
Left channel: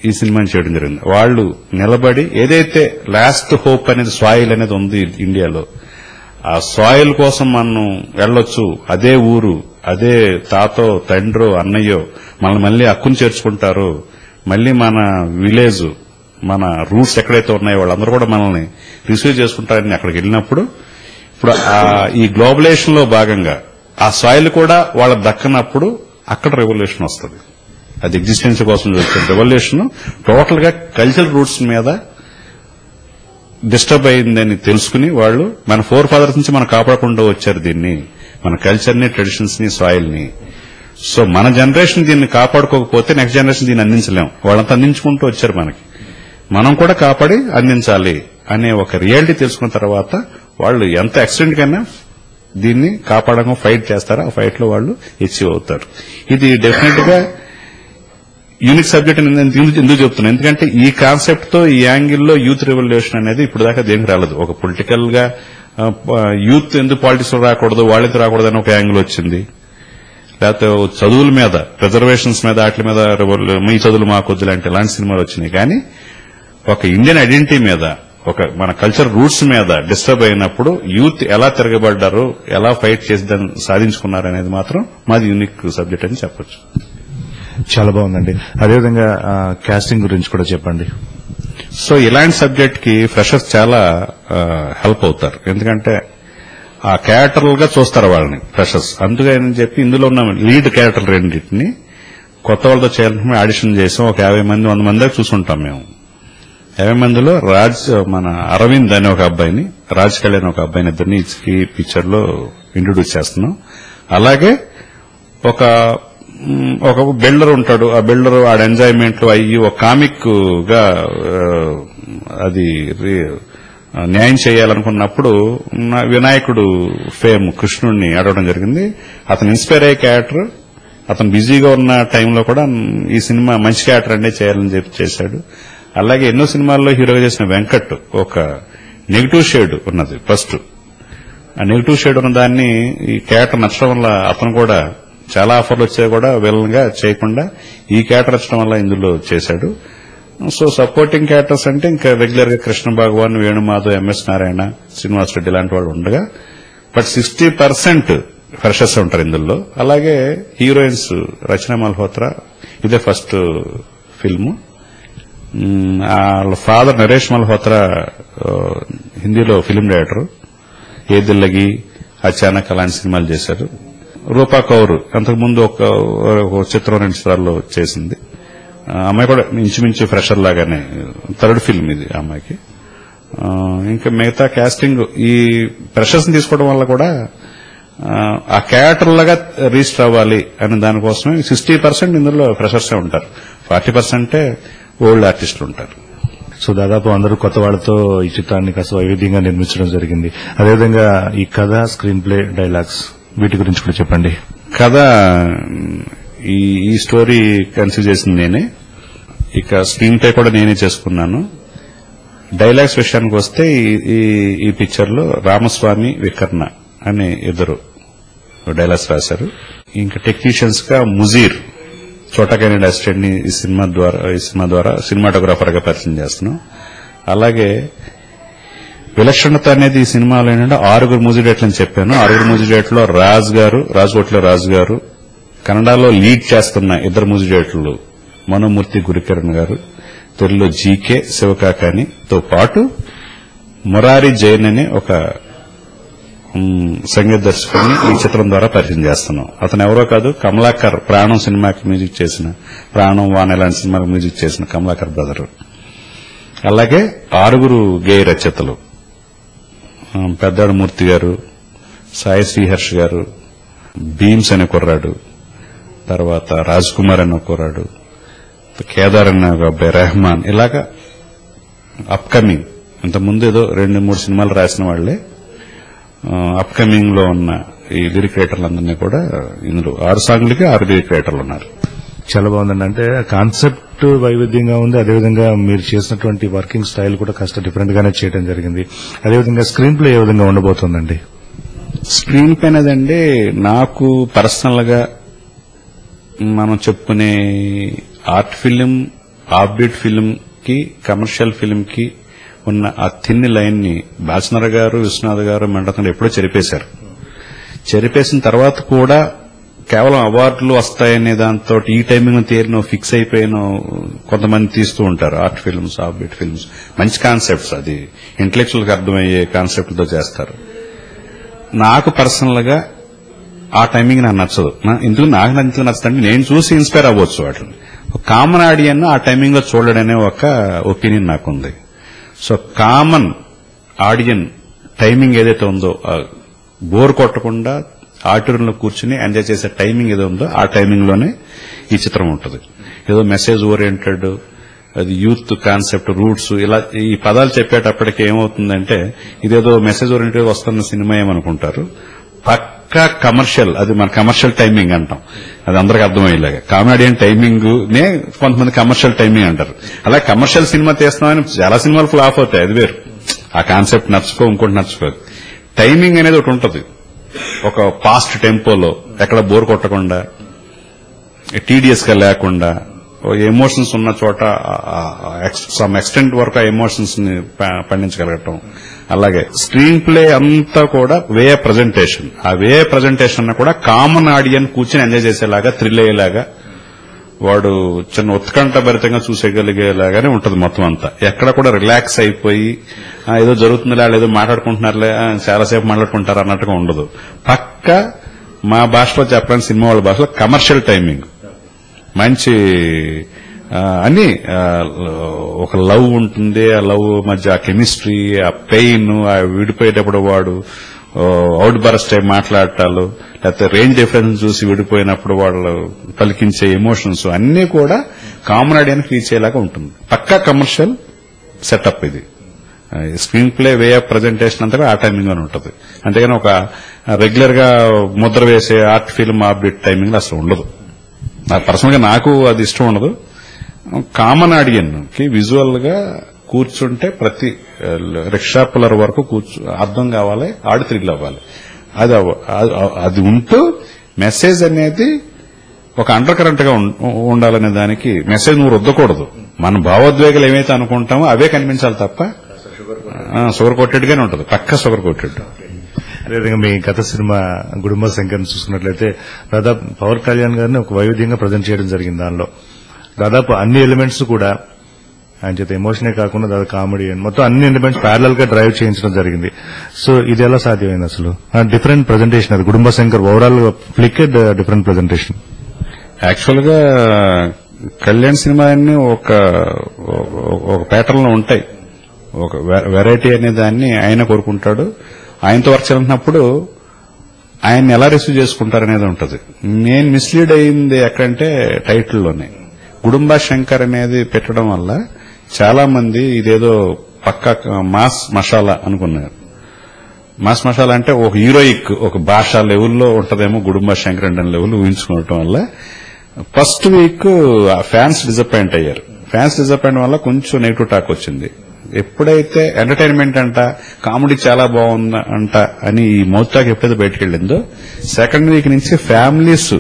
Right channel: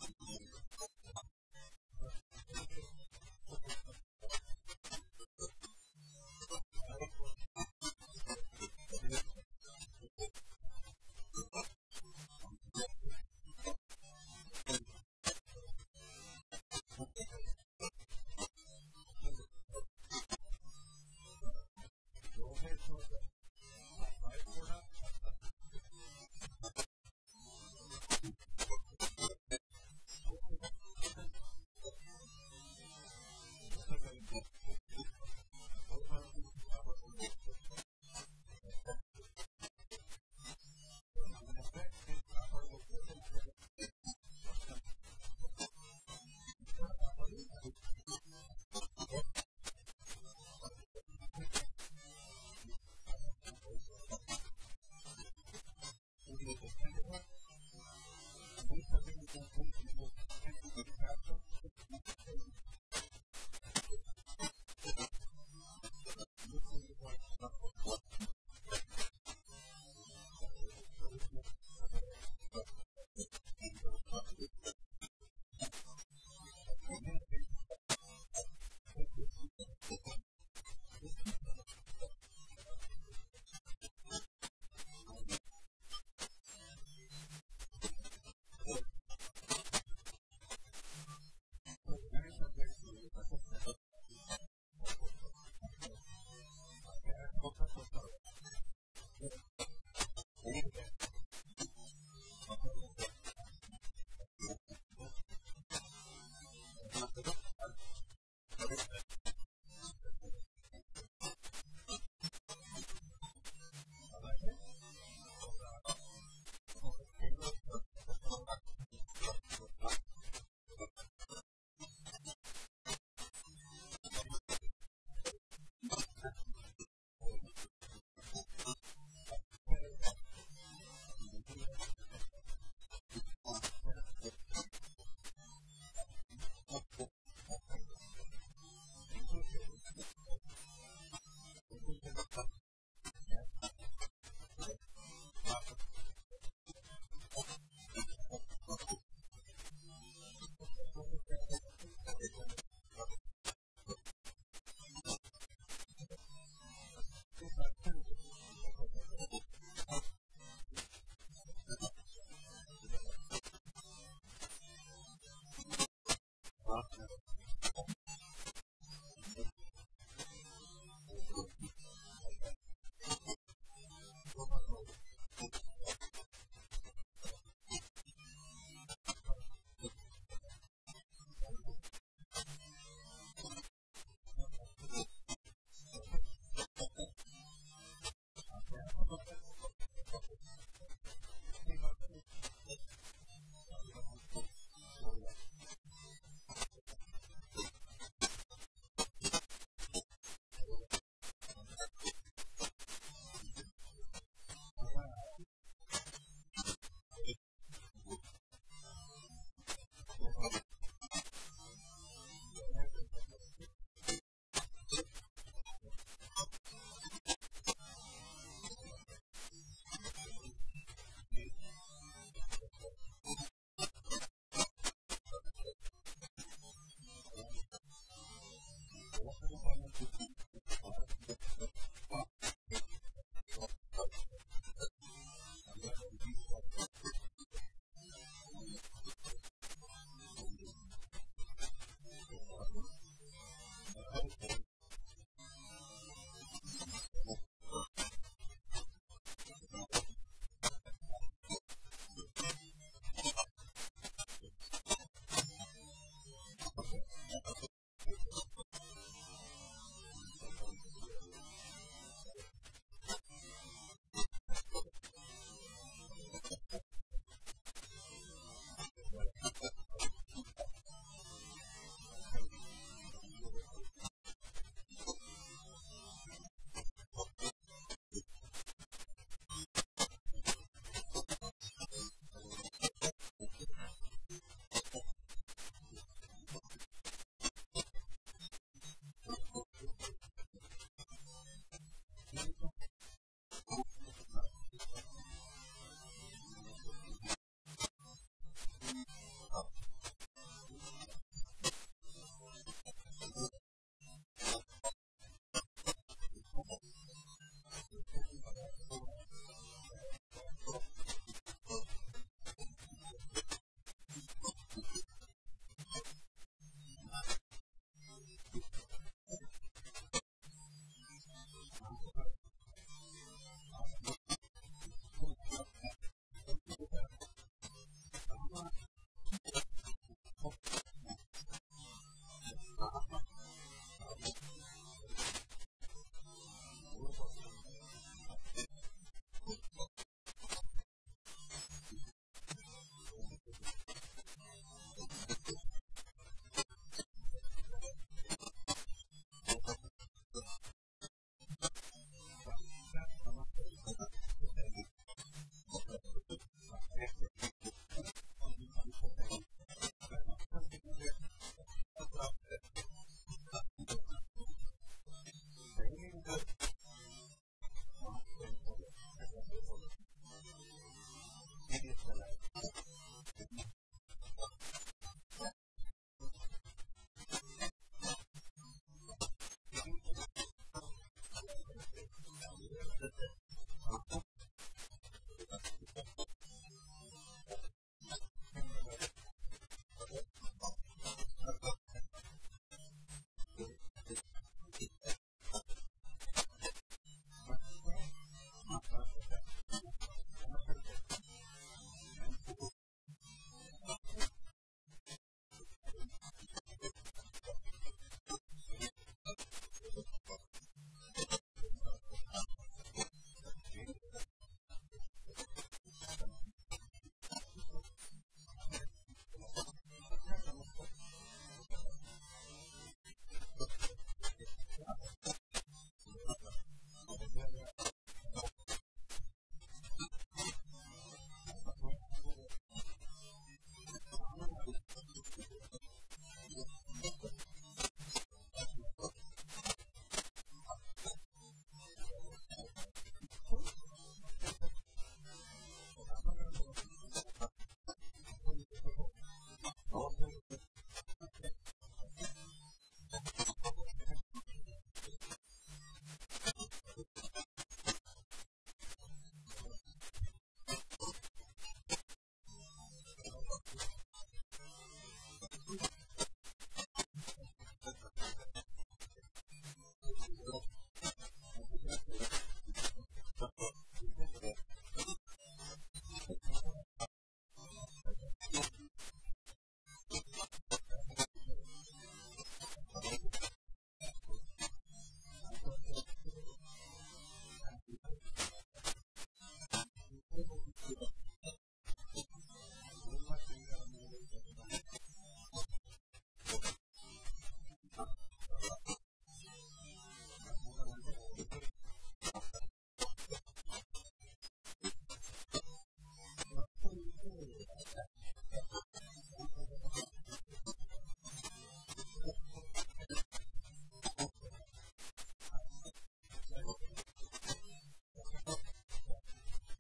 ఈ సినిమాని చేయడం జరిగింది. వాళ్ళు నిలబడి ఏదైతే లాస్ట్ హోప్ అనేది సాయిల్ అనేది ఉంది ఇండియాలో, ఆ సాయిల్ కోసం మనం వెళ్ళొచ్చు. అదే ఊరు, అదే తాతో తండ్రో అన్నయ్యో మనల్ని మళ్ళీ హక్కును చేర్చుకుంటారు, మళ్ళీ మన విలేజ్, మన రూట్స్ ఎక్కడైతే ఉన్నాయో వాళ్ళందరూ కూడా మనల్ని రిసీవ్ చేసుకుంటారని అక్కడికి వెళ్ళినప్పుడు ఇప్పుడు ఈ గ్లోబలైజేషన్ లో భాగంగా ఆ సాయిల్ కూడా వాళ్ళకి దక్కనప్పుడు అక్కడ రెవల్యూషన్ వస్తుంది. అది ఎగ్జిస్టెన్స్ కోసం చూస్తుంది. రెవల్యూషన్ టోటల్ గా కల్చరల్ రూట్స్ మీద డిస్టర్బ్ అయిందని తెలుసుకుని వాళ్ళు మన ఫోర్ ఫాదర్స్ నుంచి మనం కాపాడకుండా వచ్చారు దీన్ని, మన కల్చర్ ని, ట్రెడిషన్స్ ని, సాయిల్ ని. సో మన జనరేషన్ దీన్ని కాపాడుకోకపోతే నెక్స్ట్ జనరేషన్ దీన్ని అందించలేం. వాళ్ళంతా అందించుకుంటూ వచ్చారు మనకి, మనం కూడా కాపాడి అందించాలి అనే ఒక రియాలిటీ తెలుసుకున్న తర్వాత వాళ్ళు ఎంత ఎక్స్టెంట్ కైనా దీన్ని కాపాడడం ఫైట్ చేస్తారో ఆ ఫైట్ లో వాళ్ళు అచీవ్ అవుతారు. ఇది డెఫినెట్ గా యూనిక్ సబ్జెక్ట్ ఎందుకు చెప్తున్నాను, ఎందుకంటే ఈ కాన్సెప్ట్ తో ఈ యాంగిల్లో యూత్ రెవల్యూషన్ అనేది ఇప్పుడు దాకా దేనికి రాలేదు. ఒక పొలిటికల్ గా యూత్ ఎందుకు పాలిటిక్స్ లో రాకూడదు, వాళ్ళకి రాకూడదు అని ఒక యాంగిల్ వచ్చింది. లేకపోతే చదువుల మీద, రిజర్వేషన్స్ మీద, వాటి మీద మీ చదువులు మాకొద్దు లాంటి ఇలాంటి సినిమాలు వచ్చినాయి. కానీ ఒక ఇండియన్ ఐడెంటిటీ మీద, ఒక మన కల్చర్ రూట్స్ మీద డిస్టర్బ్ అయినప్పుడు యూత్ ఎలా తిరగబడ్డారు, ఎలా ఫైట్ చేసి దాన్ని సాధించుకున్నారు అనేది మాత్రం మాది యూనిక్ సబ్జెక్ట్ అని చెప్పొచ్చు. చాలా బాగుందండి. అదేవిధంగా కాస్టింగ్ గురించి కూడా చెప్పండి. సో ఇలాంటి సబ్జెక్ట్ కి ఫ్రెషర్స్ చాలా హెల్ప్ అవుతారు, ఎందుకంటే ఆ క్యారెక్టర్లుగా చూస్తారు వాళ్ళని ఫ్రెషర్స్. అందుకని చెప్పి ఇందులో ఉన్న లీడ్ క్యారెక్టర్ రెండింటిని కొత్త వాళ్ళతో చేయాలంటే ఆడిషన్ చేసాం. ఒక 50 మంది 100 మంది దాకా చూసుంటాం మేము. 50 మందిలో మన అరవింద్ అనే ఒక అబ్బాయిని, రాజ్ కళ్యాణ్ ఒక అబ్బాయిని, ఇద్దరిని ఈ పిక్చర్ లో ఇంట్రొడ్యూస్ చేస్తున్నాం. అలాగే ఒక బిల్డర్ ఉంటాడు. ఆ బిల్డర్ ఆడ ఎంజాయ్మెంట్ అయ్యి ఒక కామిక్ గా అది న్యాయం చేయాలనుకున్నప్పుడు వినాయకుడు ఫేమ్ కృష్ణుడిని అడగడం జరిగింది. అతను ఇన్స్పైర్ అయ్యే క్యారెక్టర్, అతను బిజీగా ఉన్న టైంలో కూడా ఈ సినిమా మంచి క్యారెక్టర్ అంటే చేయాలని చెప్పి చేశాడు. అలాగే ఎన్నో సినిమాల్లో హీరోగా చేసిన వెంకట్ ఒక నెగిటివ్ షేడ్ ఉన్నది ఫస్ట్. ఆ నెగిటివ్ షేడ్ ఉన్న దాన్ని ఈ క్యారెక్టర్ నచ్చడం వల్ల అతను కూడా చాలా ఆఫర్లు వచ్చాయి కూడా విలన్ గా చేయకుండా ఈ క్యారెక్టర్ నచ్చడం వల్ల ఇందులో చేశాడు. సో సపోర్టింగ్ క్యారెక్టర్స్ అంటే ఇంకా రెగ్యులర్ గా కృష్ణ భగవాన్, వేణుమాధవ్, ఎంఎస్ నారాయణ, శ్రీనివాస్ రెడ్డి లాంటి వాళ్ళు ఉండగా, బట్ 60% ఫ్రెషర్స్ ఉంటారు ఇందులో. అలాగే హీరోయిన్స్ రచన మల్హోత్రా, ఇదే ఫస్ట్ ఫిల్మ్. వాళ్ళ ఫాదర్ నరేష్ మల్హోత్రా హిందీలో ఫిల్మ్ డైరెక్టర్, ఏ దిల్లగి, అచానక్ అలాంటి సినిమాలు చేశారు. రూపా కౌర్ అంతకుముందు ఒక చిత్రం 2 చిత్రాల్లో చేసింది. అమ్మాయి కూడా ఇంచుమించు ఫ్రెషర్ లాగానే, థర్డ్ ఫిల్మ్ ఇది అమ్మాయికి. ఇంకా మిగతా కాస్టింగ్ ఈ ఫ్రెషర్స్ ని తీసుకోవడం వల్ల కూడా ఆ క్యారెక్టర్ లాగా రిజిస్టర్ అవ్వాలి అనే దానికోసమే 60% ఇందులో ఫ్రెషర్సే ఉంటారు, 40% ఓల్డ్ ఆర్టిస్టులు ఉంటారు. సో దాదాపు అందరూ కొత్త వాళ్లతో ఈ చిత్రాన్ని కాస్త వైవిధ్యంగా నిర్మించడం జరిగింది. అదేవిధంగా ఈ కథ, స్క్రీన్ ప్లే, డైలాగ్స్ వీటి గురించి కూడా చెప్పండి. కథ ఈ స్టోరీ కన్సీవ్ చేసింది నేనే, ఇక స్క్రీన్ ప్లే కూడా నేనే చేసుకున్నాను. డైలాగ్స్ విషయానికి వస్తే ఈ పిక్చర్ లో రామస్వామి, వికర్ణ అనే ఇద్దరు డైలాగ్స్ రాశారు. ఇంకా టెక్నీషియన్స్ గా ముజీర్, చోటకైన అసిస్టెంట్ ని ఈ సినిమా ద్వారా సినిమాటోగ్రాఫర్ గా పరిచయం చేస్తున్నాం. అలాగే విలక్షణత అనేది ఈ సినిమాలో ఏంటంటే 6 మ్యూజిక్ డైరెక్టర్లు అని చెప్పాను. 6 మ్యూజిక్ డైరెక్టర్లో రాజ్కోట్లో రాజు గారు, కన్నడలో లీడ్ చేస్తున్న 2 మ్యూజిక్ డైరెక్టర్లు మనోమూర్తి, గురికిరణ్ గారు, తెలుగులో జీకే శివకాకానితో పాటు మురారి జైన్ అనే ఒక సంగీత దర్శకుడిని ఈ చిత్రం ద్వారా పరిచయం చేస్తున్నాం. అతను ఎవరో కాదు, కమలాకర్ ప్రాణం సినిమాకి మ్యూజిక్ చేసిన, ప్రాణం వాన ఇలాంటి సినిమాకి మ్యూజిక్ చేసిన కమలాకర్ బ్రదర్. అలాగే 6 గేయ రచయితలు, పెద్దాడు మూర్తి గారు, సాయి శ్రీహర్ష్ గారు, భీమ్స్ అనే కుర్రాడు, తర్వాత రాజ్ కుమార్ అనే కుర్రాడు, కేదార్ అనే ఒక అబ్బాయి, రెహమాన్, ఇలాగా అప్కమింగ్, ఇంతకుముందు ఏదో 2-3 సినిమాలు రాసిన వాళ్లే అప్కమింగ్ లో ఉన్న ఈ లిరిక్ రైటర్లందరినీ కూడా ఇందులో 6 సాంగ్లకి 6 లిరిక్ రైటర్లు ఉన్నారు. చాలా బాగుందండి. అంటే కాన్సెప్ట్ వైవిధ్యంగా ఉంది, అదేవిధంగా మీరు చేసినటువంటి వర్కింగ్ స్టైల్ కూడా కాస్త డిఫరెంట్ గానే చేయడం జరిగింది. అదేవిధంగా స్క్రీన్ ప్లే ఏ విధంగా ఉండబోతోందండి? స్క్రీన్ ప్లే అనేదండి నాకు పర్సనల్ గా మనం చెప్పుకునే ఆర్ట్ ఫిలిం, ఆఫ్బీట్ ఫిలిం కి, కమర్షియల్ ఫిలిం కి ఉన్న ఆ థిన్ లైన్ ని బాలచంద్ర గారు, విశ్వనాథ్ గారు, మండతం ఎప్పుడో చెరిపేశారు. చెరిపేసిన తర్వాత కూడా కేవలం అవార్డులు వస్తాయనే దాంతో ఈ టైమింగ్ తీరినో ఫిక్స్ అయిపోయినో కొంతమంది తీస్తూ ఉంటారు. Art films, off beat films, మంచి కాన్సెప్ట్స్, అది ఇంటలెక్చువల్ గా అర్థమయ్యే కాన్సెప్ట్తో చేస్తారు. నాకు పర్సనల్ గా ఆ టైమింగ్ నాకు నచ్చదు. ఎందుకు నాకు నచ్చదంటే నేను చూసి ఇన్స్పైర్ అవ్వచ్చు వాటిని. కామన్ ఆడియన్ ఆ టైమింగ్ లో చూడడనే ఒక ఒపీనియన్ నాకుంది. సో కామన్ ఆడియన్ టైమింగ్ ఏదైతే ఉందో బోర్ కొట్టకుండా ఆడిటోరియంలో కూర్చుని ఎంజాయ్ చేసే టైమింగ్ ఏదో ఉందో ఆ టైమింగ్ లోనే ఈ చిత్రం ఉంటుంది. ఏదో మెసేజ్ ఓరియంటెడ్, అది యూత్ కాన్సెప్ట్, రూట్స్, ఇలా ఈ పదాలు చెప్పేటప్పటికి ఏమవుతుందంటే ఇదేదో మెసేజ్ ఓరియంటెడ్ వస్తున్న సినిమా ఏమనుకుంటారు. పక్కా కమర్షియల్, అది మన కమర్షియల్ టైమింగ్ అంటాం. అది అందరికి అర్థమయ్యేలాగా కామెడియన్ టైమింగ్ నే కొంతమంది కమర్షియల్ టైమింగ్ అంటారు. అలా కమర్షియల్ సినిమా తీస్తున్నామని చాలా సినిమాలు ఫ్లాప్ అవుతాయి, అది వేరు. ఆ కాన్సెప్ట్ నచ్చుకో, ఇంకోటి నచ్చుకోదు. టైమింగ్ అనేది ఒకటి ఉంటుంది, ఒక ఫాస్ట్ టెంపోలో, ఎక్కడ బోర్ కొట్టకుండా, టీడీఎస్ గా లేకుండా, ఎమోషన్స్ ఉన్న చోట సమ్ ఎక్స్టెంట్ వరకు ఆ ఎమోషన్స్ ని పండించగలగటం. అలాగే స్క్రీన్ ప్లే అంతా కూడా వే ప్రజెంటేషన్, ఆ వే ప్రజెంటేషన్ కూడా కామన్ ఆడియన్ కూర్చొని ఎంజాయ్ చేసేలాగా, థ్రిల్ అయ్యేలాగా, వాడు చిన్న ఉత్కంఠ భరితంగా చూసేయగలిగేలాగానే ఉంటుంది మొత్తం అంతా. ఎక్కడ కూడా రిలాక్స్ అయిపోయి ఏదో జరుగుతుందిలే, ఏదో మాట్లాడుకుంటున్నారులే, చాలాసేపు మాట్లాడుకుంటారు అన్నట్టుగా ఉండదు. పక్క మా భాషలో చెప్పడానికి, సినిమా వాళ్ళ భాషలో కమర్షియల్ టైమింగ్, మంచి అన్ని ఒక లవ్ ఉంటుంది, ఆ లవ్ మధ్య ఆ కెమిస్ట్రీ, ఆ పెయిన్, ఆ విడిపోయేటప్పుడు వాడు అవుట్ బరస్ట్ టైం మాట్లాడటాలు, లేకపోతే రేంజ్ డిఫరెన్స్ చూసి విడిపోయినప్పుడు వాళ్ళు పలికించే ఎమోషన్స్ అన్ని కూడా కామన్ ఆడియన్స్ రీచ్ అయ్యేలాగా ఉంటుంది. పక్కా కమర్షియల్ సెటప్ ఇది. Screen play, way of presentation అంతా ఆ టైమింగ్ లోనే ఉంటుంది. అంతేగాని ఒక రెగ్యులర్ గా ముద్ర వేసే art film of bit timing అసలు ఉండదు. నాకు పర్సనల్ గా నాకు అది ఇష్టం ఉండదు. కామన్ ఆడియన్ కి విజువల్ గా కూర్చుంటే ప్రతి రిక్షా పుల్లర్ వరకు అర్థం కావాలి, ఆడి థ్రిల్ అవ్వాలి. అది ఉంటూ మెసేజ్ అనేది ఒక అండర్ కరెంట్ గా ఉండాలనే దానికి మెసేజ్ నువ్వు రుద్దకూడదు. మన భావోద్వేగాలు ఏమైతే అనుకుంటామో అవే కనిపించాలి తప్ప షుగర్ కోటెడ్ గానే ఉంటుంది, పక్క షుగర్ కోటెడ్. అదేవిధంగా మీ గత సినిమా గుడుంబ శంకర్ చూసుకున్నట్లయితే దాదాపు పవన్ కళ్యాణ్ గారిని ఒక వైవిధ్యంగా ప్రజెంట్ చేయడం జరిగింది. దానిలో దాదాపు అన్ని ఎలిమెంట్స్ కూడా ఆయన చేత ఎమోషనే కాకుండా దాదాపు కామెడీ మొత్తం అన్ని ఎలిమెంట్స్ ప్యారలల్ గా డ్రైవ్ చేయించడం జరిగింది. సో ఇది ఎలా సాధ్యమైంది అసలు? డిఫరెంట్ ప్రజెంటేషన్, అది గుడుంబ శంకర్ ఓవరాల్ ఫ్లికెడ్ డిఫరెంట్ ప్రజెంటేషన్. యాక్చువల్ గా కళ్యాణ్ సినిమా అన్ని ఒక ప్యాటర్న్ లో ఉంటాయి. ఒక వెరైటీ అనే దాన్ని ఆయన కోరుకుంటాడు. ఆయనతో వర్క్ చేసినప్పుడు ఆయన్ని ఎలా రిసీవ్ చేసుకుంటారనేది ఉంటుంది. నేను మిస్లీడ్ అయింది ఎక్కడంటే టైటిల్లోనే గుడుంబ శంకర్ అనేది పెట్టడం వల్ల చాలా మంది ఇదేదో పక్కా మాస్ మసాలా అనుకున్నారు. మాస్ మసాలా అంటే ఒక హీరోయిక్, ఒక భాషా లెవెల్లో ఉంటదేమో గుడుంబ శంకర్ అంటే లెవెల్ ఊహించుకోవటం వల్ల ఫస్ట్ వీక్ ఫ్యాన్స్ డిసప్పాయింట్ అయ్యారు. ఫ్యాన్స్ డిసప్పాయింట్ వల్ల కొంచెం నెగిటివ్ టాక్ వచ్చింది. ఎప్పుడైతే ఎంటర్టైన్మెంట్ అంట, కామెడీ చాలా బాగుంది అంట అని ఈ మౌత్ టాక్ ఎప్పుడైతే బయటకు వెళ్ళిందో సెకండ్ వీక్ నుంచి ఫ్యామిలీస్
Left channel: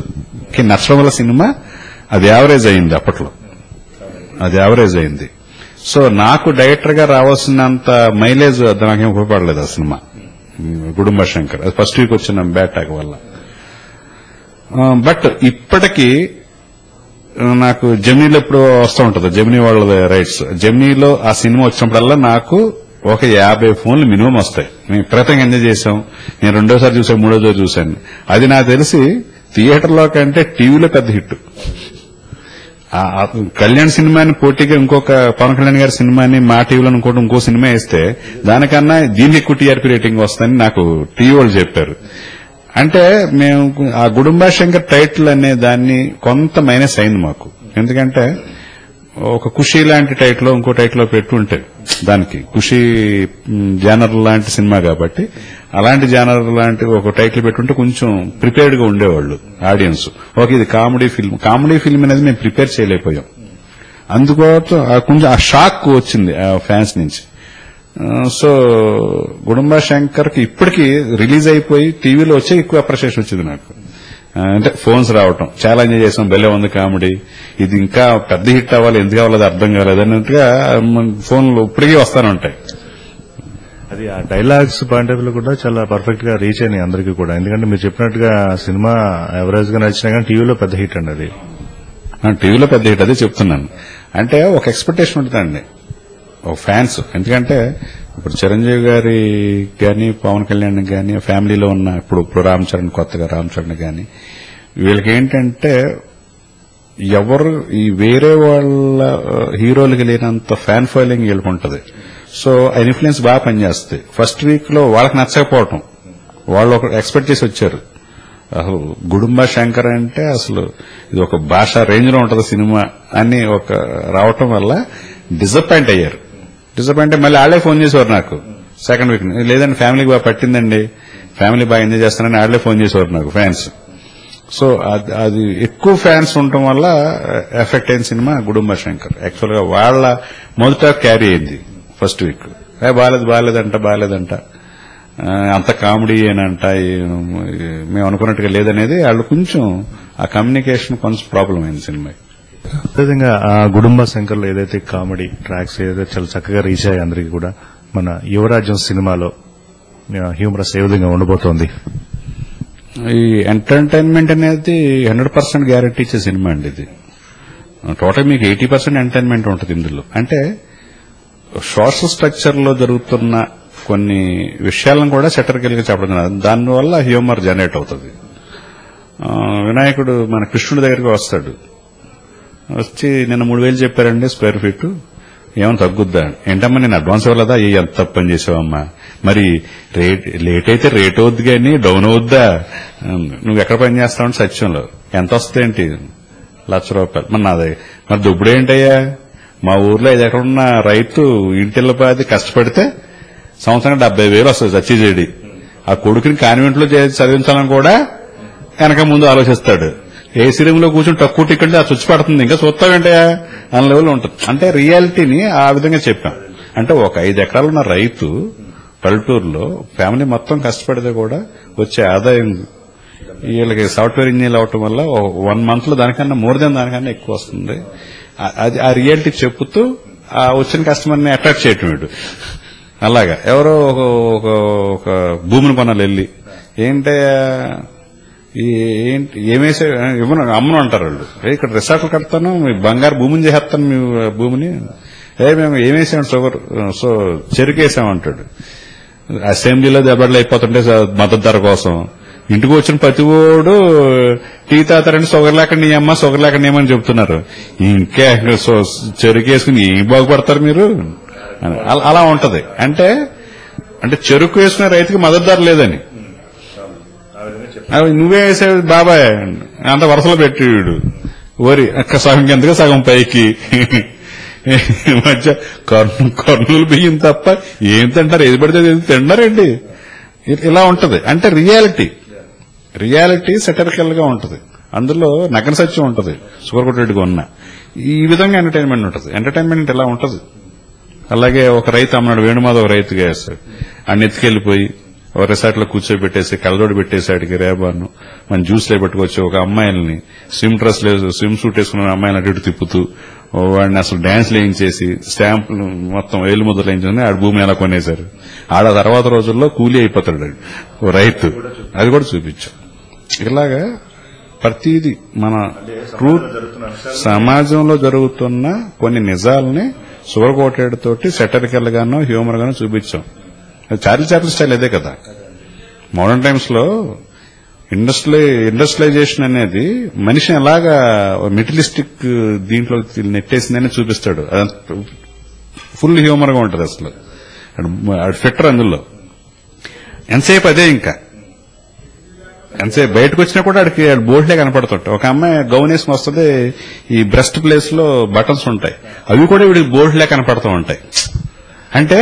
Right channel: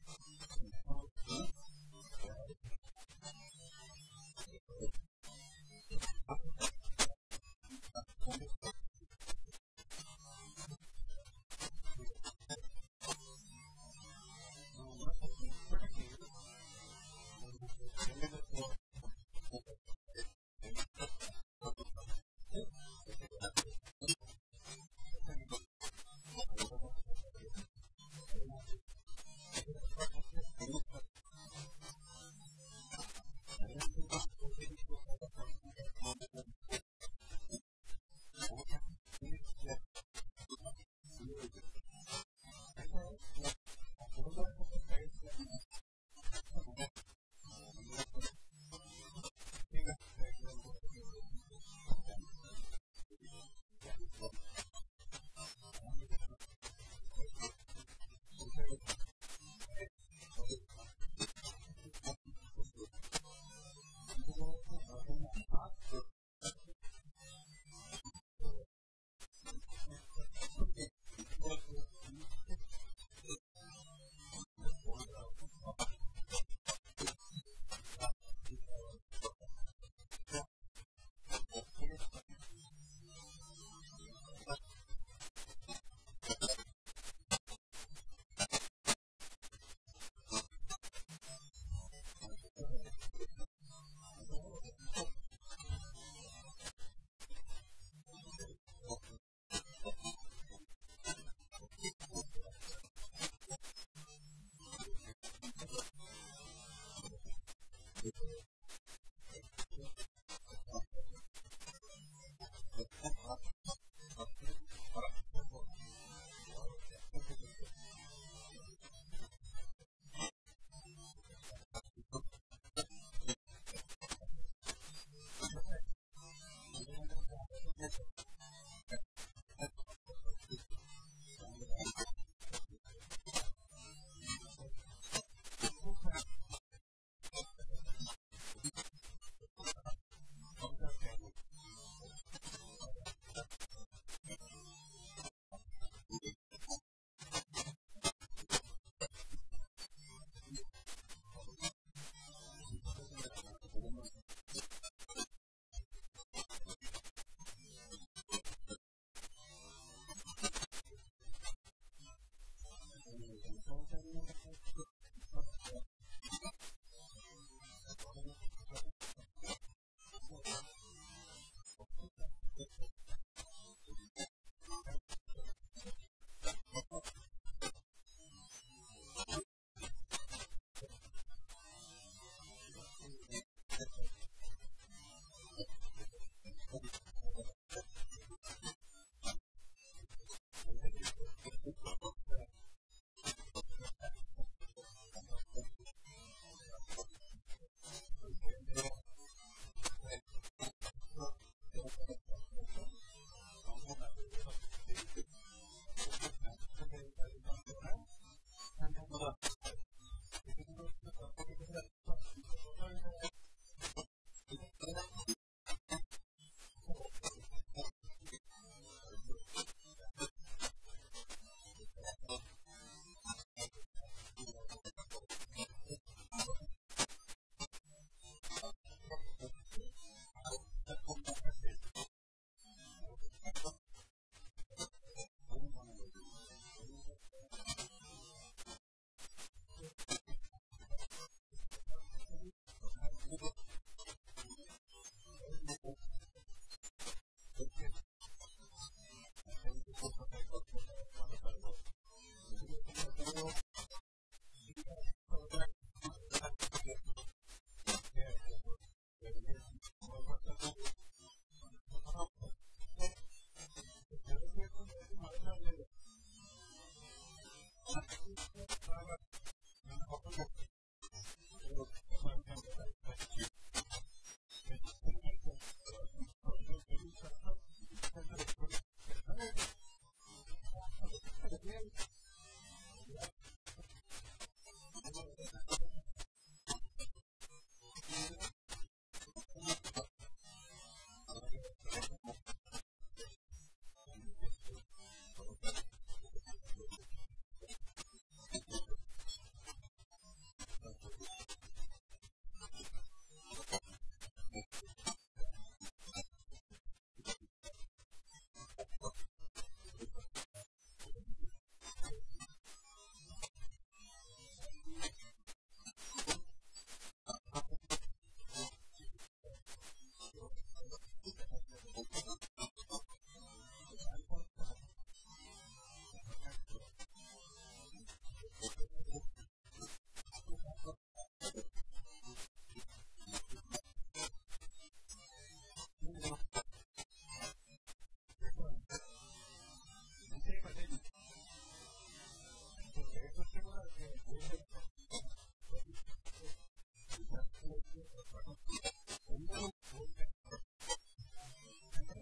కి నచ్చడం వల్ల సినిమా అది యావరేజ్ అయింది. అప్పట్లో అది యావరేజ్ అయింది. సో నాకు డైరెక్టర్ గా రావాల్సినంత మైలేజ్ నాకేం ఉపయోగపడలేదు ఆ సినిమా గుడుంబ శంకర్. అది ఫస్ట్ వీక్ వచ్చిన బ్యాడ్ టాక్ వల్ల. బట్ ఇప్పటికీ నాకు జెమినీలో ఎప్పుడు వస్తూ ఉంటుంది, జెమినీ వాళ్ళ రైట్స్. జెమినీలో ఆ సినిమా వచ్చినప్పుడల్లా నాకు ఒక 50 ఫోన్లు మినిమం వస్తాయి. మేము విపరీతంగా ఎంజాయ్ చేశాం. నేను రెండోసారి చూసాను, మూడోసారి చూశాను. అది నాకు తెలిసి థియేటర్లో కంటే టీవీలో పెద్ద హిట్. కళ్యాణ్ సినిమాని పోటీగా ఇంకొక పవన్ కళ్యాణ్ గారి సినిమాని మా టీవీలో ఇంకో సినిమా వేస్తే దానికన్నా దీనికి ఎక్కువ టీఆర్పీ రేటింగ్ వస్తుందని నాకు టీవీ వాళ్ళు చెప్పారు. అంటే మేము ఆ గుడుంబ శంకర్ టైటిల్ అనే దాన్ని కొంత మైనస్ అయింది మాకు. ఎందుకంటే ఒక ఖుషీ లాంటి టైటిల్ ఇంకో టైటిల్ పెట్టుంటే దానికి ఖుషీ జానర్ లాంటి సినిమా కాబట్టి అలాంటి జానర్ లాంటి ఒక టైటిల్ పెట్టుంటే కొంచెం ప్రిపేర్డ్ గా ఉండేవాళ్ళు ఆడియన్స్. ఓకే ఇది కామెడీ ఫిల్మ్, కామెడీ ఫిల్మ్ అనేది మేము ప్రిపేర్ చేయలేకపోయాం. అందుకోసం కొంచెం ఆ షాక్ వచ్చింది ఫ్యాన్స్ నుంచి. సో గుడుంబ శంకర్ కి ఇప్పటికీ రిలీజ్ అయిపోయి టీవీలో వచ్చే ఎక్కువ అప్రిషియేషన్ వచ్చింది నాకు. అంటే ఫోన్స్ రావటం, చాలా ఎంజాయ్ చేసాం, భలే ఉంది కామెడీ, ఇది ఇంకా పెద్ద హిట్ అవ్వాలి, ఎందుకు అవ్వలేదు అర్థం కాలేదు అన్నట్టుగా ఫోన్లు ఇప్పటికీ వస్తానే ఉంటాయి. అది అది ఆ డైలాగ్స్ పాయింట్ ఆఫ్ వ్యూ కూడా చాలా పర్ఫెక్ట్ గా రీచ్ అయినాయి అందరికీ కూడా. ఎందుకంటే మీరు చెప్పినట్టుగా సినిమా ఎవరేజ్ గా నచ్చినా కానీ టీవీలో పెద్ద హిట్ అండి అది. టీవీలో పెద్ద హిట్ అదే చెప్తున్నాను. అంటే ఒక ఎక్స్పెక్టేషన్ ఉంటుందండి ఒక ఫ్యాన్స్. ఎందుకంటే ఇప్పుడు చిరంజీవి గారి కానీ పవన్ కళ్యాణ్ కానీ ఫ్యామిలీలో ఉన్న ఇప్పుడు రామ్ చరణ్ కొత్తగా రామ్ చరణ్ కానీ వీళ్ళకి ఏంటంటే ఎవరు ఈ వేరే వాళ్ళ హీరోలకి లేనంత ఫ్యాన్ ఫాలోయింగ్ వీళ్ళకి ఉంటుంది. సో ఆ ఇన్ఫ్లుయెన్స్ బాగా పనిచేస్తుంది. ఫస్ట్ వీక్ లో వాళ్ళకి నచ్చకపోవటం వాళ్ళు ఒక ఎక్స్పెక్ట్ చేసి వచ్చారు. అసలు గుడుంబ శంకర్ అంటే అసలు ఇది ఒక భాష రేంజ్ లో ఉంటుంది సినిమా అని ఒక రావటం వల్ల డిసప్పాయింట్ అయ్యారు. డిసప్పాయింట్ మళ్ళీ వాళ్ళే ఫోన్ చేసేవారు నాకు సెకండ్ వీక్. లేదండి ఫ్యామిలీకి బాగా పట్టిందండి, ఫ్యామిలీ బాగా ఎంజాయ్ చేస్తానని వాళ్ళే ఫోన్ చేసేవారు నాకు ఫ్యాన్స్. సో అది ఎక్కువ ఫ్యాన్స్ ఉండటం వల్ల ఎఫెక్ట్ అయిన సినిమా గుడుంబ శంకర్. యాక్చువల్ గా వాళ్ళ మొదట క్యారీ అయింది ఫస్ట్ వీక్. బాగాలేదంట అంత కామెడీ ఏనంట మేము అనుకున్నట్టుగా లేదనేది వాళ్ళు కొంచెం ఆ కమ్యూనికేషన్ కొంచెం ప్రాబ్లం అయింది సినిమా. అదేవిధంగా ఆ గుడుంబ శంకర్లో ఏదైతే కామెడీ ట్రాక్స్ ఏదైతే చాలా చక్కగా రీచ్ అయ్యాయి అందరికీ కూడా, మన యువరాజ్యం సినిమాలో హ్యూమరస్ ఏ విధంగా ఉండబోతోంది? ఈ ఎంటర్టైన్మెంట్ అనేది 100% గ్యారెంటీ ఇచ్చే సినిమా అండి ఇది. టోటల్ మీకు 80% ఎంటర్టైన్మెంట్ ఉంటుంది ఇందులో. అంటే సోషల్ స్ట్రక్చర్ లో జరుగుతున్న కొన్ని విషయాలను కూడా సెటరికల్ గా చెప్పడం, దానివల్ల హ్యూమర్ జనరేట్ అవుతుంది. వినాయకుడు మన కృష్ణుడి దగ్గరికి వస్తాడు, వచ్చి నిన్న 3,000 చెప్పారండి స్క్వేర్ ఫీట్, ఏమైనా తగ్గుద్దా? ఏంటమ్మా నేను అడ్వాన్స్ ఇవ్వలేదా? ఎంత తప్పు పని చేసావమ్మా, మరి లేట్ అయితే రేట్ అవుద్ది కానీ డౌన్ అవుద్దా? నువ్వు ఎక్కడ పని చేస్తావు సత్యంలో ఎంత వస్తాయేంటి? ₹1,00,000. మరి నాదే మరి దుబ్బుడేంటయ్యా? మా ఊర్లో 5 ఎకరున్న రైతు ఇంటిల్లపాది కష్టపడితే సంవత్సరం 70,000 వస్తుంది సబ్సిడీ. ఆ కొడుకుని కాన్వెంట్ లో చదివించాలని కూడా వెనక ముందు ఆలోచిస్తాడు. ఏసీ రూమ్ లో కూర్చొని తక్కువ టికెట్ ఆ చుచ్చి పడుతుంది, ఇంకా చూస్తావేంటయా అన్న లెవెల్ ఉంటుంది. అంటే రియాలిటీని ఆ విధంగా చెప్పాం. అంటే ఒక 5 ఎకరాలు ఉన్న రైతు పల్లెటూరులో ఫ్యామిలీ మొత్తం కష్టపడితే కూడా వచ్చే ఆదాయం వీళ్ళకి సాఫ్ట్వేర్ ఇంజనీర్ అవటం వల్ల 1 month లో దానికన్నా మోర్ దెన్ దానికన్నా ఎక్కువ వస్తుంది. అది ఆ రియాలిటీ చెప్పుతూ ఆ వచ్చిన కస్టమర్ని అట్రాక్ట్ చేయటం వీడు. అలాగా ఎవరో ఒక భూమిని కొనాలి వెళ్ళి ఏంటే ఏమేసే అమ్మను అంటారు వాళ్ళు. ఇక్కడ రిసార్ట్లు కడతాను, మీ బంగారు భూమిని చేస్తాను, మీ భూమిని మేము ఏమేసాం షుగర్ సో చెరుకేసామంటాడు. అసెంబ్లీలో దెబ్బలు అయిపోతుంటే మద్దతు ధర కోసం ఇంటికి వచ్చిన ప్రతి ఓడు టీ తాతారని షుగర్ లేకుండా నీ అమ్మ షుగర్ లేకుండా ఏమని చెప్తున్నారు. ఇంకా చెరుకేసుకుని ఏం బాగుపడతారు మీరు? అలా ఉంటది. అంటే చెరుకు వేసుకునే రైతుకి మద్దతు ధర లేదని నువ్వే వేసేవి బాబాయ్ అంత వరుసలో పెట్టి వీడు వరి సగం కిందగా సగం పైకి మధ్య కర్నూలు బియ్యం తప్ప ఏం తింటారు, ఏది పడితే తింటారండి. ఇలా ఉంటది. అంటే రియాలిటీ సెటరికల్ గా ఉంటది, అందులో నగ్న సత్యం ఉంటది. షుగర్ కొట్టేట్టుగా ఉన్న ఈ విధంగా ఎంటర్టైన్మెంట్ ఉంటది. ఎంటర్టైన్మెంట్ ఇలా ఉంటది. అలాగే ఒక రైతు అమ్మనాడు, వేణుమాధవ్ రైతుగా వేస్తాడు, అన్ని ఎత్తుకెళ్లిపోయి ఒక రిసార్ట్ లో కూర్చోబెట్టేసి కళ్ళజోడు పెట్టేసాడికి రేబాను మన జ్యూస్లో పెట్టుకొచ్చి ఒక అమ్మాయిల్ని స్విమ్ సూట్ వేసుకున్న అమ్మాయిని అటు ఇటు తిప్పుతూ వాడిని అసలు డాన్స్ లేయించేసి స్టాంపులు మొత్తం వేలు ముద్రలు వేయించుకుని ఆడ భూమిని ఎలా కొనేశారు. ఆడ తర్వాత రోజుల్లో కూలీ అయిపోతాడు ఓ రైతు. అది కూడా చూపించాం. ఇలాగా ప్రతిదీ మన ట్రూత్ సమాజంలో జరుగుతున్న కొన్ని నిజాలని షుగర్ కోటెడ్ తోటి సెటరికల్ గానో హ్యూమర్ గానో చూపించాం. చార్లీ చాప్లిన్ స్టైల్ అదే కదా. మోడర్న్ టైమ్స్ లో ఇండస్ట్రియలైజేషన్ అనేది మనిషిని ఎలాగా మెటీరియలిస్టిక్ దీంట్లో నెట్టేసిందని చూపిస్తాడు. ఫుల్ హ్యూమర్ గా ఉంటది. అసలు ఫిట్టర్ అందులో ఎంతసేపు అదే. ఇంకా ఎంతసేపు బయటకు వచ్చినా కూడా ఆడికి బోర్డులే కనపడుతుంటాయి. ఒక అమ్మాయి గౌన్ వేసుకుని వస్తుంది, ఈ బ్రెస్ట్ ప్లేస్ లో బటన్స్ ఉంటాయి, అవి కూడా వీడికి బోర్డులే కనపడుతూ ఉంటాయి. అంటే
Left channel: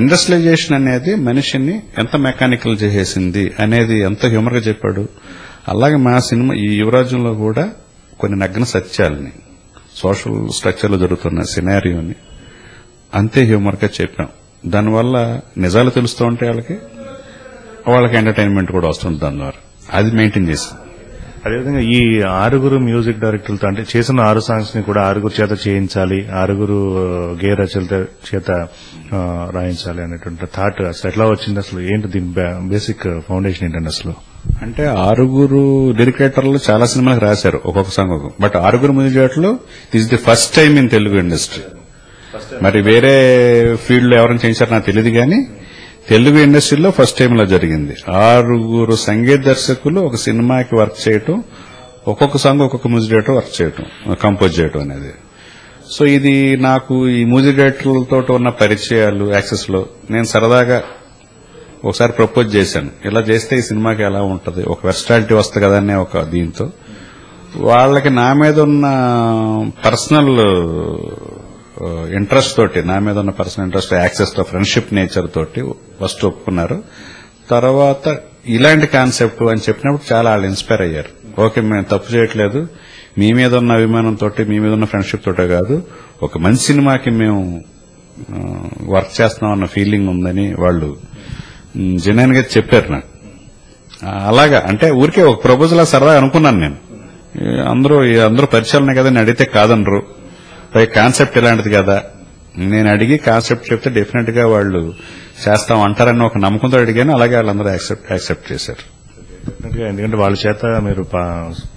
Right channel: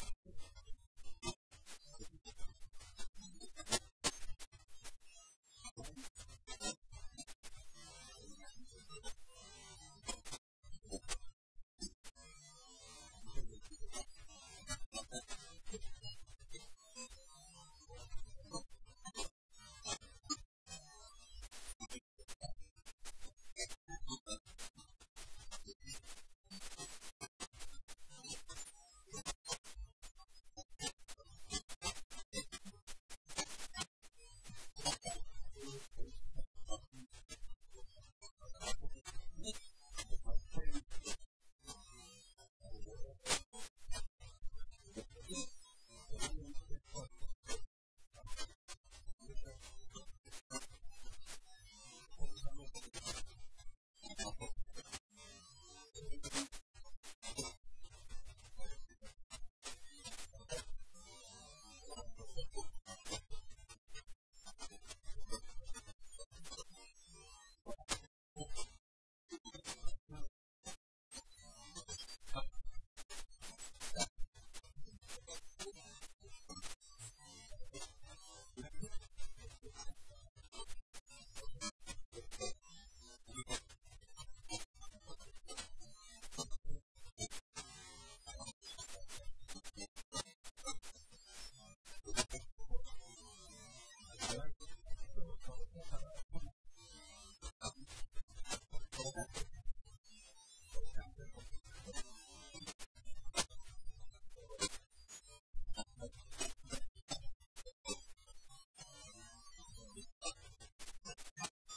ఇండస్ట్రియలైజేషన్ అనేది మనిషిని ఎంత మెకానికల్ చేసేసింది అనేది ఎంత హ్యూమర్ గా చెప్పాడు. అలాగే మా సినిమా ఈ యువరాజ్యంలో కూడా కొన్ని నగ్న సత్యాలని సోషల్ స్ట్రక్చర్ లో జరుగుతున్న సినారియోని అంతే హ్యూమర్ గా చెప్పాం. దానివల్ల నిజాలు తెలుస్తూ ఉంటే వాళ్ళకి ఎంటర్టైన్మెంట్ కూడా వస్తుంది. దాని ద్వారా అది మెయింటైన్ చేసాం. అదేవిధంగా ఈ 6 మ్యూజిక్ డైరెక్టర్లతో అంటే చేసిన 6 సాంగ్స్ ని కూడా 6 చేత చేయించాలి, 6 గేయ రచయితల చేత రాయించాలి అనేటువంటి థాట్ అసలు ఎట్లా వచ్చింది? అసలు ఏంటి దీని బేసిక్ ఫౌండేషన్ ఏంటండి అసలు? అంటే 6 డైరెక్టర్లు చాలా సినిమాలకు రాశారు ఒక్కొక్క సాంగ్. బట్ 6 మ్యూజిక్ డైరెక్టర్లు this the first time in Telugu industry. మరి వేరే ఫీల్డ్ లో ఎవరైనా చేయించారో నాకు తెలియదు కానీ తెలుగు ఇండస్ట్రీలో ఫస్ట్ టైం ఇలా జరిగింది. 6 సంగీత దర్శకులు ఒక సినిమాకి వర్క్ చేయటం, ఒక్కొక్క సాంగ్ ఒక్కొక్క మ్యూజిక్ డైరెక్టర్ వర్క్ చేయటం, కంపోజ్ చేయటం అనేది. సో ఇది నాకు ఈ మ్యూజిక్ డైరెక్టర్లతో ఉన్న పరిచయాలు యాక్సెస్ లో నేను సరదాగా ఒకసారి ప్రపోజ్ చేశాను. ఇలా చేస్తే ఈ సినిమాకి ఎలా ఉంటది, ఒక వెర్సాటిలిటీ వస్తుంది కదా అనే ఒక దీంతో వాళ్ళకి నా మీద ఉన్న పర్సనల్ ఇంట్రెస్ట్ తోటి, నా మీద ఉన్న పర్సనల్ ఇంట్రెస్ట్, యాక్సెస్ తో, ఫ్రెండ్షిప్ నేచర్ తోటి ఫస్ట్ ఒప్పుకున్నారు. తర్వాత ఇలాంటి కాన్సెప్ట్ అని చెప్పినప్పుడు చాలా వాళ్ళు ఇన్స్పైర్ అయ్యారు. ఓకే, మేము తప్పు చేయట్లేదు, మీ మీద ఉన్న అభిమానంతో, మీ మీద ఉన్న ఫ్రెండ్షిప్ తోటే కాదు, ఒక మంచి సినిమాకి మేము వర్క్ చేస్తున్నాం అన్న ఫీలింగ్ ఉందని వాళ్ళు జెన్యున్ గా చెప్పారు నాకు. అలాగా అంటే ఊరికే ఒక ప్రపోజల్ సరదా అనుకున్నాను నేను. అందరూ పరిచయాలనే కదా అని అడిగితే కాదనరు, పై కాన్సెప్ట్ ఇలాంటిది కదా, నేను అడిగి కాన్సెప్ట్ చెప్తే డెఫినెట్ గా వాళ్ళు చేస్తాం అంటారని ఒక నమ్మకంతో అడిగాను. అలాగే వాళ్ళందరూ యాక్సెప్ట్ చేశారు. ఎందుకంటే వాళ్ళ చేత మీరు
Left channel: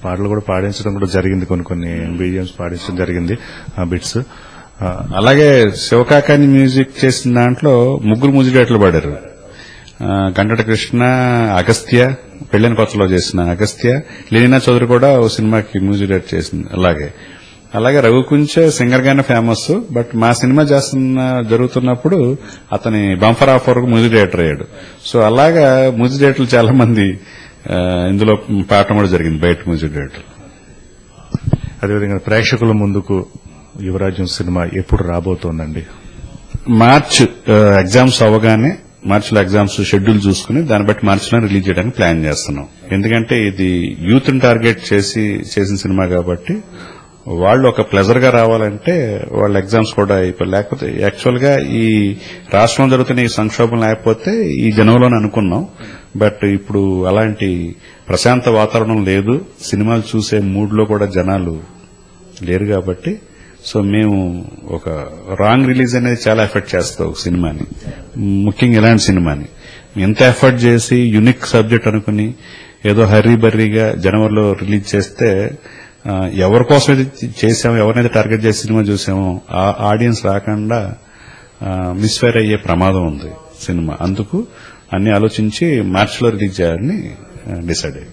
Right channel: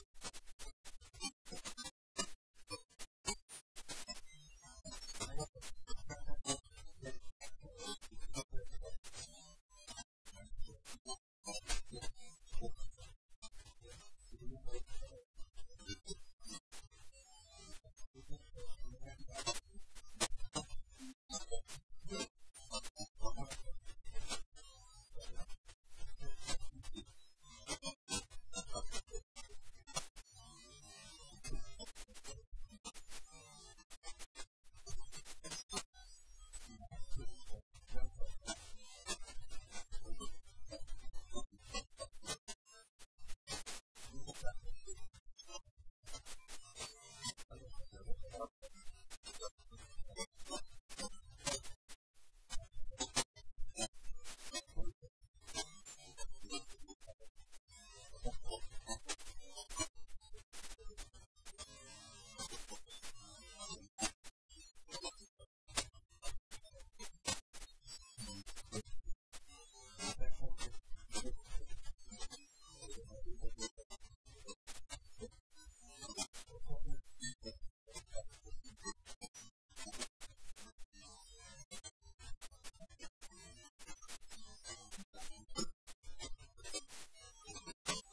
పాటలు కూడా పాడించడం కూడా జరిగింది, కొన్ని బీజిఎంస్ పాడించడం జరిగింది, బిట్స్. అలాగే శివకాకాని మ్యూజిక్ చేసిన దాంట్లో 3 మ్యూజిక్ డైరెక్టర్లు పాడారు. గంటట కృష్ణ, అగస్త్య, పెళ్లిన కొత్తలో చేసిన అగస్త్య, లీనా చౌదరి కూడా ఓ సినిమాకి మ్యూజిక్ డైరెక్ట్ చేసింది. అలాగే రఘుకుంచే సింగర్ గానే ఫేమస్. బట్ మా సినిమా జరుగుతున్నప్పుడు అతని బంఫర్ ఆఫర్ మ్యూజిక్ డైరెక్టర్ అయ్యాడు. సో అలాగా మ్యూజిక్ డైరెక్టర్లు చాలా మంది ఇందులో పాడటం కూడా జరిగింది, బయట మ్యూజిక్ డైరెక్టర్. అదేవిధంగా ప్రేక్షకుల ముందుకు యువరాజ్యం సినిమా ఎప్పుడు రాబోతోందండి? మార్చ్ ఎగ్జామ్స్ అవగానే, మార్చిలో ఎగ్జామ్స్ షెడ్యూల్ చూసుకుని దాన్ని బట్టి మార్చిలో రిలీజ్ చేయడానికి ప్లాన్ చేస్తున్నాం. ఎందుకంటే ఇది యూత్ ని టార్గెట్ చేసిన సినిమా కాబట్టి వాళ్ళు ఒక ప్లెజర్ గా రావాలంటే వాళ్ళ ఎగ్జామ్స్ కూడా లేకపోతే యాక్చువల్ గా ఈ రాష్ట్రంలో జరుగుతున్న ఈ సంక్షోభం లేకపోతే ఈ జనంలోనే అనుకున్నాం. బట్ ఇప్పుడు అలాంటి ప్రశాంత వాతావరణం లేదు, సినిమాలు చూసే మూడ్ లో కూడా జనాలు లేరు కాబట్టి సో మేము ఒక రాంగ్ రిలీజ్ అనేది చాలా ఎఫెక్ట్ చేస్తాం ఒక సినిమాని, ముఖ్యంగా ఇలాంటి సినిమాని. ఎంత ఎఫర్ట్ చేసి యూనిక్ సబ్జెక్ట్ అనుకుని ఏదో హర్రీ బర్రీగా జనవరిలో రిలీజ్ చేస్తే ఎవరి కోసం అయితే చేసామో, ఎవరినైతే టార్గెట్ చేసి సినిమా చూసామో ఆ ఆడియన్స్ రాకుండా మిస్ఫైర్ అయ్యే ప్రమాదం ఉంది సినిమా. అందుకు అన్ని ఆలోచించి మార్చిలో రిలీజ్ చేయాలని డిసైడ్ అయ్యాం.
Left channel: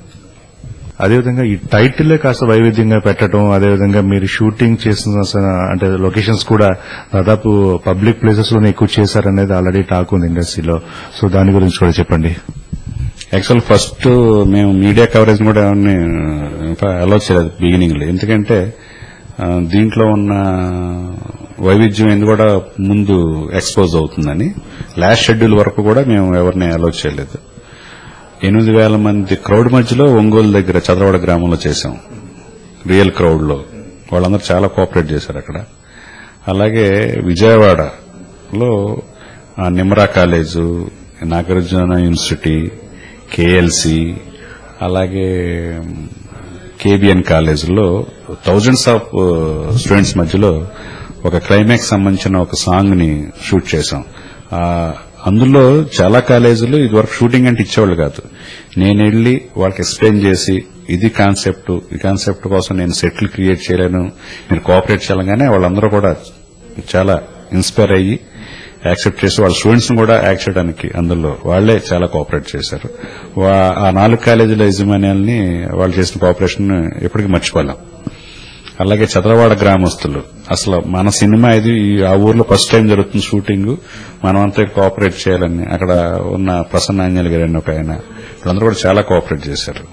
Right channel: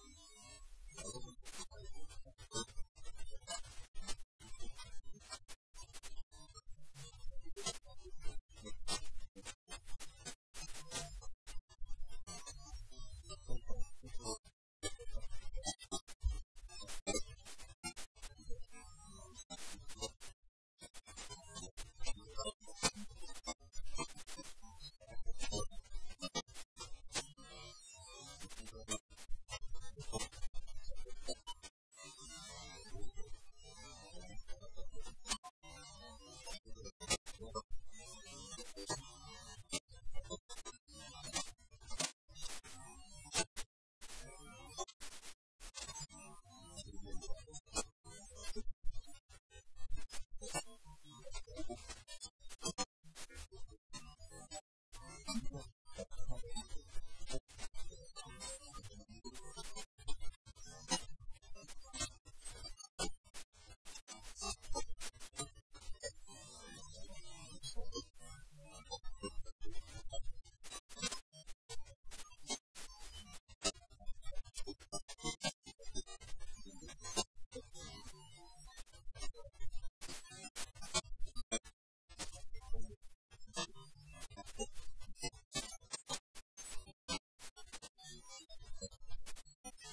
అదేవిధంగా ఈ టైటిల్లే కాస్త వైవిధ్యంగా పెట్టడం, అదేవిధంగా మీరు షూటింగ్ చేసిన అంటే లొకేషన్స్ కూడా దాదాపు పబ్లిక్ ప్లేసెస్ లోనే ఎక్కువ చేశారనేది ఆల్రెడీ టాక్ ఉంది ఇండస్ట్రీలో. సో దాని గురించి కూడా చెప్పండి. యాక్చువల్ ఫస్ట్ మేము మీడియా కవరేజ్ కూడా ఎవరిని అలౌ చేయలేదు బిగినింగ్ లో, ఎందుకంటే దీంట్లో ఉన్న వైవిధ్యం ఎందుకు కూడా ముందు ఎక్స్పోజ్ అవుతుందని. లాస్ట్ షెడ్యూల్ వరకు కూడా మేము ఎవరిని అలౌ చేయలేదు. 8,000 మంది క్రౌడ్ మధ్యలో ఒంగోలు దగ్గర చదరవాడ గ్రామంలో చేశాం, రియల్ క్రౌడ్ లో. వాళ్ళందరూ చాలా కోఆపరేట్ చేశారు అక్కడ. అలాగే విజయవాడలో నిమ్రా కాలేజు, నాగార్జున యూనివర్సిటీ, కేఎల్సి, అలాగే కేబిఎన్ కాలేజీలో థౌజండ్స్ ఆఫ్ స్టూడెంట్స్ మధ్యలో ఒక క్లైమాక్స్ సంబంధించిన ఒక సాంగ్ ని షూట్ చేశాం. అందులో చాలా కాలేజీలు ఇదివరకు షూటింగ్ అంటే ఇచ్చేవాళ్ళు కాదు. నేను వెళ్లి వాళ్ళకి ఎక్స్ప్లెయిన్ చేసి ఇది కాన్సెప్ట్, ఈ కాన్సెప్ట్ కోసం నేను సెట్లు క్రియేట్ చేయలేను, మీరు కోఆపరేట్ చేయాలగానే వాళ్ళందరూ కూడా చాలా ఇన్స్పైర్ అయ్యి యాక్సెప్ట్ చేసి వాళ్ళ స్టూడెంట్స్ ను కూడా యాక్ట్ చేయడానికి అందులో వాళ్లే చాలా కోఆపరేట్ చేశారు. ఆ 4 కాలేజీల యజమాన్యాల్ని వాళ్ళు చేసిన కోఆపరేషన్ ఎప్పటికీ మర్చిపోలేం. అలాగే చదరవాడ గ్రామస్తులు, అసలు మన సినిమా ఇది ఆ ఊర్లో ఫస్ట్ టైం జరుగుతుంది షూటింగ్, మనమంతా కోఆపరేట్ చేయాలని అక్కడ ఉన్న ప్రసన్నాంజలి గారు ఒక ఆయన, వాళ్ళందరూ కూడా చాలా కోఆపరేట్ చేశారు.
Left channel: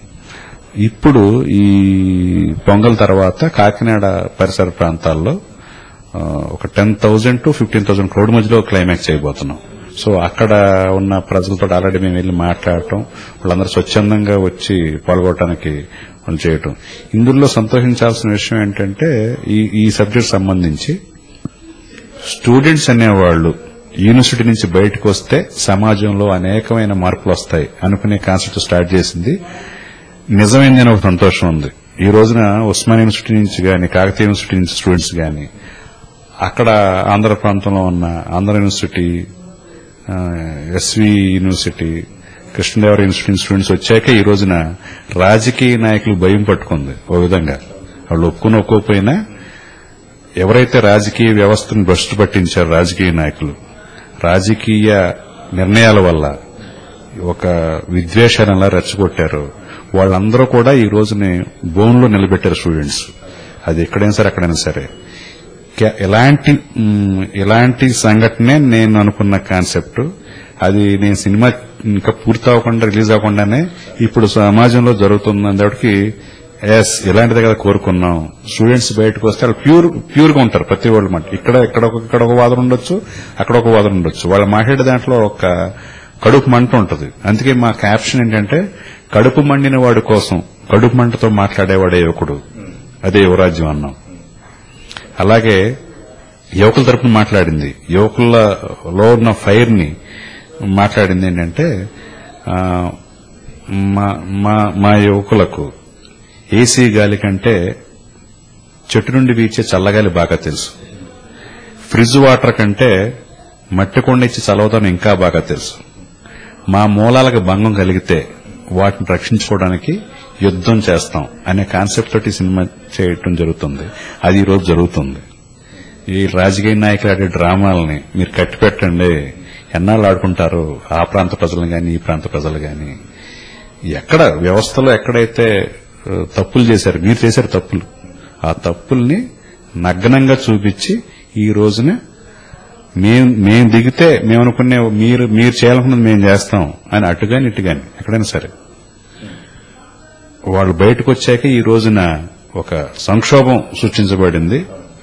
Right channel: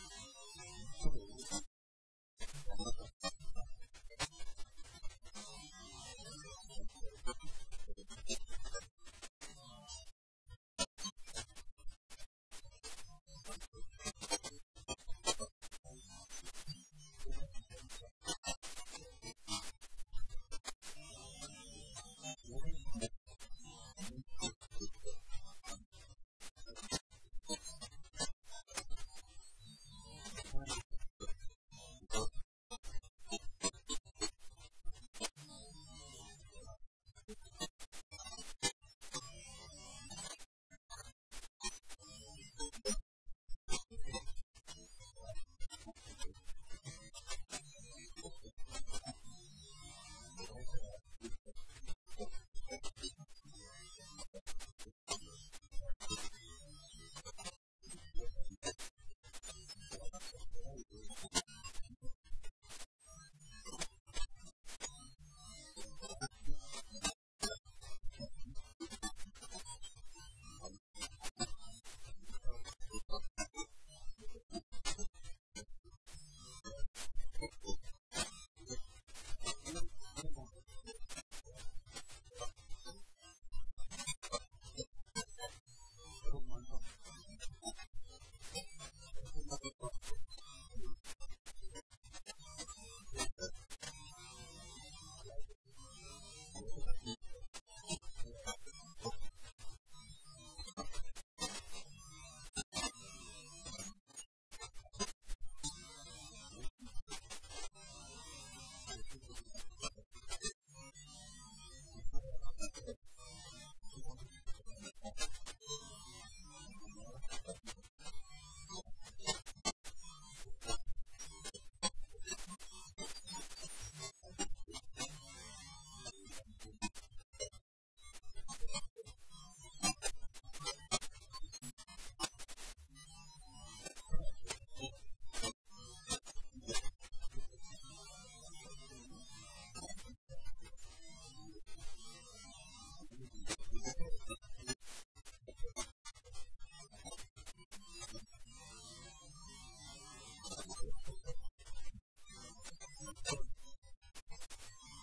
ఇప్పుడు ఈ పొంగల్ తర్వాత కాకినాడ పరిసర ప్రాంతాల్లో ఒక 10,000 to 15,000 క్రౌడ్ మధ్యలో క్లైమాక్స్ చేయబోతున్నాం. సో అక్కడ ఉన్న ప్రజలతో ఆల్రెడీ మేము వెళ్లి మాట్లాడటం, వాళ్ళందరూ స్వచ్ఛందంగా వచ్చి పాల్గొనడానికి వాళ్ళు చేయటం. ఇందులో సంతోషించాల్సిన విషయం ఏంటంటే ఈ సబ్జెక్ట్ సంబంధించి స్టూడెంట్స్ అనేవాళ్లు యూనివర్సిటీ నుంచి బయటకు వస్తే సమాజంలో అనేకమైన మార్పులు వస్తాయి అనుకునే కాన్సెప్ట్ స్టార్ట్ చేసింది నిజమైందని ఒక సంతోషం ఉంది. ఈ రోజున ఉస్మానియా యూనివర్సిటీ నుంచి గాని, కాకతీయ యూనివర్సిటీ నుంచి స్టూడెంట్స్ గాని, అక్కడ ఆంధ్ర ప్రాంతంలో ఉన్న Andhra university, SV university, Krishnadevaraya university students వచ్చాక ఈ రోజున రాజకీయ నాయకులు భయం పట్టుకుంది. ఓ విధంగా వాళ్ళు ఒప్పుకోకపోయినా ఎవరైతే రాజకీయ వ్యవస్థను భ్రష్టు పట్టించారో రాజకీయ నాయకులు, రాజకీయ నిర్ణయాల వల్ల ఒక విద్వేషాలను రెచ్చగొట్టారు, వాళ్ళందరూ కూడా ఈ రోజుని బోన్లో నిలబెట్టారు స్టూడెంట్స్. అది ఎక్కడైనా సరే అక్కడైనా సరే. ఇలాంటి సంఘటనే నేను అనుకున్న కాన్సెప్ట్. అది నేను సినిమా ఇంకా పూర్తి అవ్వకుండా, రిలీజ్ అవ్వకుండానే ఇప్పుడు సమాజంలో జరుగుతున్నప్పటికీ ఇలాంటిదే కదా కోరుకున్నాం. స్టూడెంట్స్ బయటకు వస్తే వాళ్ళు ప్యూర్ గా ఉంటారు ప్రతి వాళ్ళు మాట. ఇక్కడ ఒక వాదన ఉండొచ్చు, అక్కడ ఒక వాదన ఉండొచ్చు. వాళ్ళు మాట్లాడే దాంట్లో ఒక కడుపు మంట ఉంటుంది. అందుకే మా క్యాప్షన్ ఏంటంటే, కడుపు మండిన వాడి కోసం కడుపు మంటతో మాట్లాడేవాడే యువకుడు, అదే యువరాజ్యం అన్నాం. అలాగే యువకుల తరపున మాట్లాడింది, యువకులలో ఉన్న ఫైర్ ని మాట్లాడింది ఏంటంటే, మా యువకులకు ఏసీ గాలి కంటే చెట్టు నుండి వీచే చల్లగాలి బాగా తెలుసు, ఫ్రిడ్జ్ వాటర్ కంటే మట్టి కొండ ఇచ్చి చలవదనం ఇంకా బాగా తెలుసు. మా మూలాలకు భంగం కలిగితే వాటిని రక్షించుకోవడానికి యుద్దం చేస్తాం అనే కాన్సెప్ట్ తోటి సినిమా చేయటం జరుగుతుంది. అది ఈ రోజు జరుగుతుంది. ఈ రాజకీయ నాయకులు ఆడే డ్రామాలని మీరు కట్టిపెట్టండి, ఎన్నాళ్ళు ఆడుకుంటారు ఆ ప్రాంత ప్రజలు గాని, ఈ ప్రాంత ప్రజలు గాని. ఎక్కడ వ్యవస్థలో ఎక్కడైతే తప్పులు చేశారు, మీరు చేశారు తప్పులు, ఆ తప్పుల్ని నగ్నంగా చూపించి ఈ రోజున మేము దిగితే మేము అనుకునే మీరు చేయాలనుకున్నది మేము చేస్తాం అని అటుగాని ఇటుగాని ఎక్కడైనా సరే వాళ్ళు బయటకు వచ్చాక ఈ రోజున ఒక సంక్షోభం సృష్టించబడింది.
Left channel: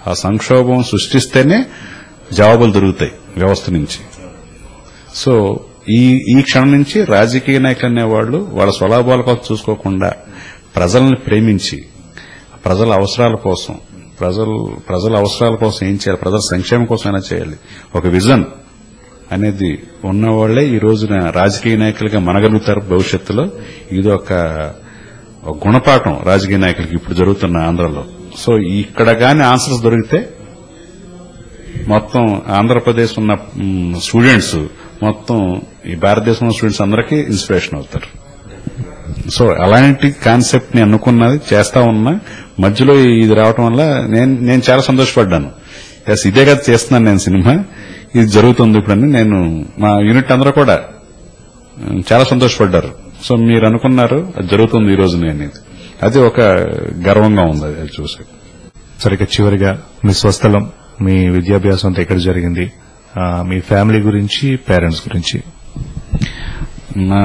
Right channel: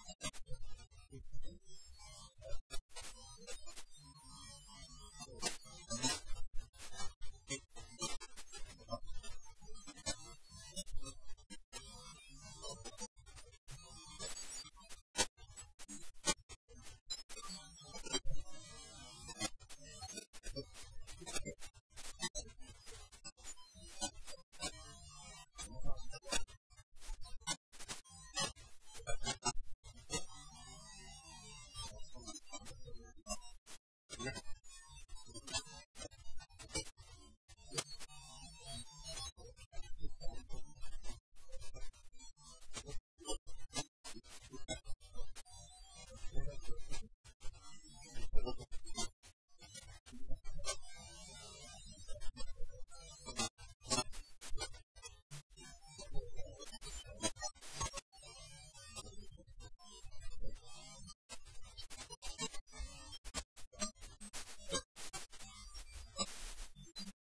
ఆ సంక్షోభం సృష్టిస్తేనే జవాబులు దొరుకుతాయి వ్యవస్థ నుంచి. సో ఈ క్షణం నుంచి రాజకీయ నాయకులు అనేవాళ్లు వాళ్ళ స్వలాభాల కోసం చూసుకోకుండా ప్రజలను ప్రేమించి ప్రజల అవసరాల కోసం ఏం చేయాలి, ప్రజల సంక్షేమం కోసం అయినా చేయాలి, ఒక విజన్ అనేది ఉన్నవాళ్లే ఈ రోజున రాజకీయ నాయకులుగా మనగలుగుతారు భవిష్యత్తులో. ఇది ఒక గుణపాఠం రాజకీయ నాయకులకి ఇప్పుడు జరుగుతున్న ఆంధ్రలో. సో ఇక్కడ గాని ఆన్సర్స్ దొరికితే మొత్తం ఆంధ్రప్రదేశ్ ఉన్న స్టూడెంట్స్, మొత్తం ఈ భారతదేశంలో స్టూడెంట్స్ అందరికీ ఇన్స్పిరేషన్ అవుతారు. సో అలాంటి కాన్సెప్ట్ ని అనుకున్నది చేస్తా ఉన్నా, మధ్యలో ఇది రావటం వల్ల నేను చాలా సంతోషపడ్డాను. ఎస్, ఇదే కదా చేస్తున్నాను నేను సినిమా, ఇది జరుగుతుంది ఇప్పుడని నేను, మా యూనిట్ అందరూ కూడా చాలా సంతోషపడ్డారు. సో మీరు అనుకున్నారు, అది జరుగుతుంది ఈ రోజు అనేది, అది ఒక గర్వంగా ఉంది అది చూసి. సరిగ్గా చివరిగా మీ స్వస్థలం, మీ విద్యాభ్యాసం అంతా ఎక్కడ జరిగింది, మీ ఫ్యామిలీ గురించి, పేరెంట్స్ గురించి. మా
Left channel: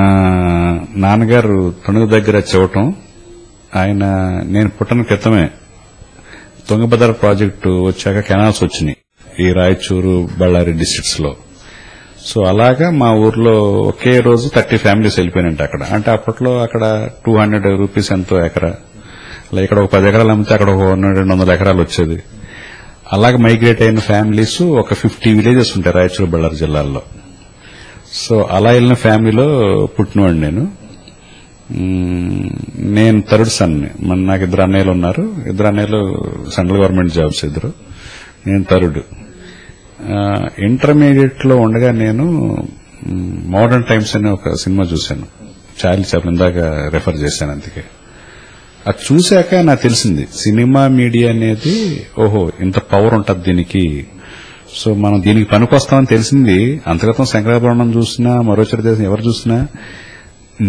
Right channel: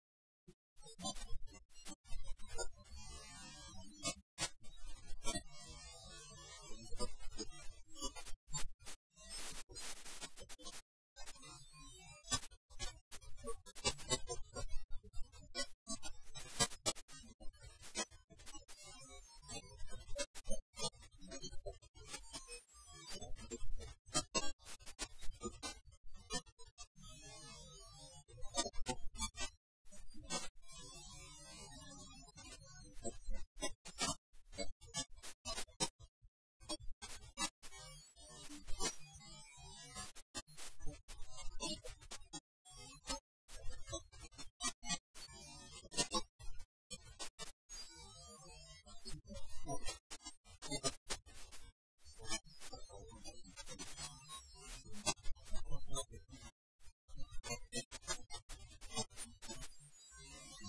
నాన్నగారు తణుకు దగ్గర చెవటం, ఆయన నేను పుట్టిన క్రితమే తుంగభద్ర ప్రాజెక్టు వచ్చాక కెనాల్స్ వచ్చినాయి ఈ రాయచూరు, బళ్ళారి డిస్ట్రిక్ట్స్ లో. సో అలాగా మా ఊర్లో ఒకే రోజు 30 ఫ్యామిలీస్ వెళ్ళిపోయినట్టు అక్కడ. అంటే అప్పట్లో అక్కడ 200 రూపీస్ ఎంతో ఎకరా, ఇక్కడ ఒక 10 ఎకరాలు అమ్మితే అక్కడ ఒక 100-200 ఎకరాలు వచ్చేది. అలాగే మైగ్రేట్ అయిన ఫ్యామిలీస్ ఒక 50 విలేజెస్ ఉంటాయి రాయచూరు, బళ్ళారి జిల్లాల్లో. సో అలా వెళ్ళిన ఫ్యామిలీలో పుట్టినవాడు నేను థర్డ్ సన్ని. నాకు 2 అన్నయ్యలు ఉన్నారు. 2 అన్నయ్యలు సెంట్రల్ గవర్నమెంట్ జాబ్స్, నేను థర్డ్. ఇంటర్మీడియట్ లో ఉండగా నేను మోడర్న్ టైమ్స్ అనే ఒక సినిమా చూశాను, చార్లీ చాప్లిన్, ఇందాక రెఫర్ చేశాను. అందుకే అది చూశాక నాకు తెలిసింది సినిమా మీడియా అనేది ఓహో ఇంత పవర్ ఉంటుంది దీనికి. సో మనం దీనికి పనికొస్తామని తెలిసింది. అంతగతం శంకరాభరణం చూసినా, మరో దేశం ఎవరు చూసినా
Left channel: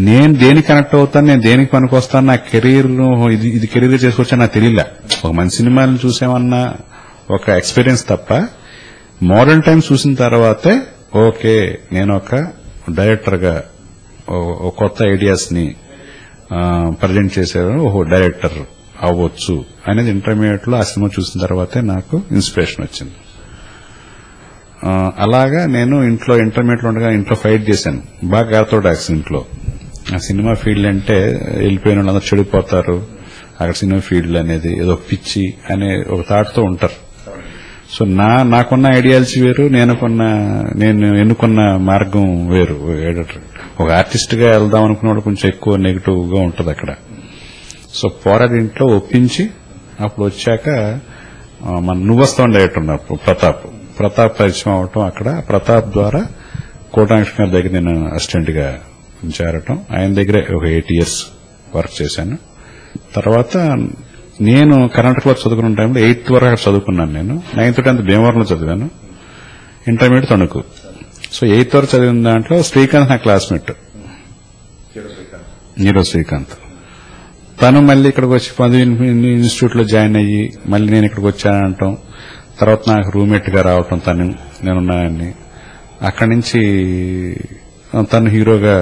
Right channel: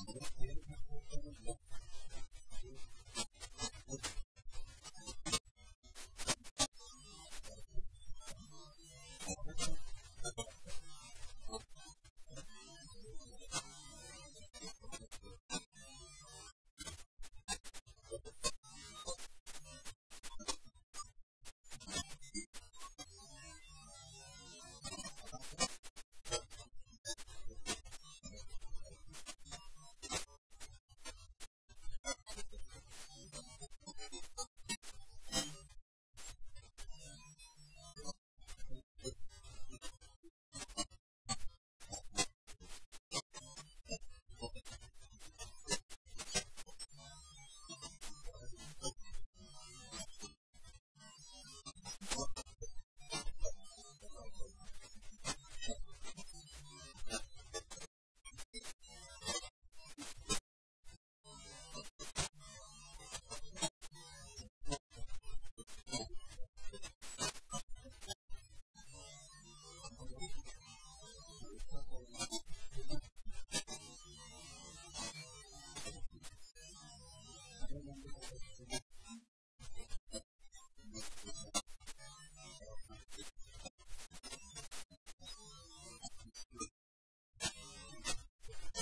నేను దేనికి కనెక్ట్ అవుతాను, నేను దేనికి పనికొస్తాను, నా కెరీర్ ఇది కెరీర్ చేసుకొచ్చా నాకు తెలియలే. ఒక మంచి సినిమాలను చూసామన్న ఒక ఎక్స్పీరియన్స్ తప్ప, మోడర్న్ టైమ్స్ చూసిన తర్వాతే ఓకే నేను ఒక డైరెక్టర్ గా కొత్త ఐడియాస్ ని ప్రజెంట్ చేసేవారు, ఓహో డైరెక్టర్ అవ్వచ్చు అనేది ఇంటర్మీడియట్ లో ఆ సినిమా చూసిన తర్వాతే నాకు ఇన్స్పిరేషన్ వచ్చింది. అలాగా నేను ఇంట్లో ఇంటర్మీడియట్ లో ఉండగా ఇంట్లో ఫైట్ చేశాను, బాగా ఆర్థోడాక్స్ ఇంట్లో. ఆ సినిమా ఫీల్డ్ అంటే వెళ్ళిపోయిన వాళ్ళందరూ చెడిపోతారు, అక్కడ సినిమా ఫీల్డ్ అనేది ఏదో పిచ్చి అనే ఒక థాట్ తో ఉంటారు. సో నాకున్న ఐడియాలజీ వేరు, నేను ఎన్నుకున్న మార్గం వేరు. ఒక ఆర్టిస్ట్ గా వెళ్దాం అనుకున్న వాళ్ళు కొంచెం ఎక్కువ నెగిటివ్ గా ఉంటుంది అక్కడ. సో పోరాడి ఇంట్లో ఒప్పించి అప్పుడు వచ్చాక మన నువ్వొస్తాం డైరెక్టర్ ఉన్నప్పుడు ప్రతాప్ పరిచయం అవటం, అక్కడ ప్రతాప్ ద్వారా కోటాంక్ష గారి దగ్గర నేను అసిస్టెంట్ గా చేరటం, ఆయన దగ్గరే ఒక 8 years వర్క్ చేశాను. తర్వాత నేను కర్ణాటకలో చదువుకున్న టైంలో 8th వరకు అక్కడ చదువుకున్నాను. నేను 9th 10th భీమవరంలో చదివాను, ఇంటర్మీడియట్ తణుకు. సో 8th వరకు చదివిన దాంట్లో శ్రీకాంత్ నా క్లాస్మేట్, నీరో శ్రీకాంత్. తను మళ్ళీ ఇక్కడికి వచ్చి ఇన్స్టిట్యూట్ లో జాయిన్ అయ్యి మళ్ళీ నేను ఇక్కడికి వచ్చానంటాం. తర్వాత నాకు రూమ్మేట్ గా రావటం, నేనున్నానని. అక్కడి నుంచి తను హీరోగా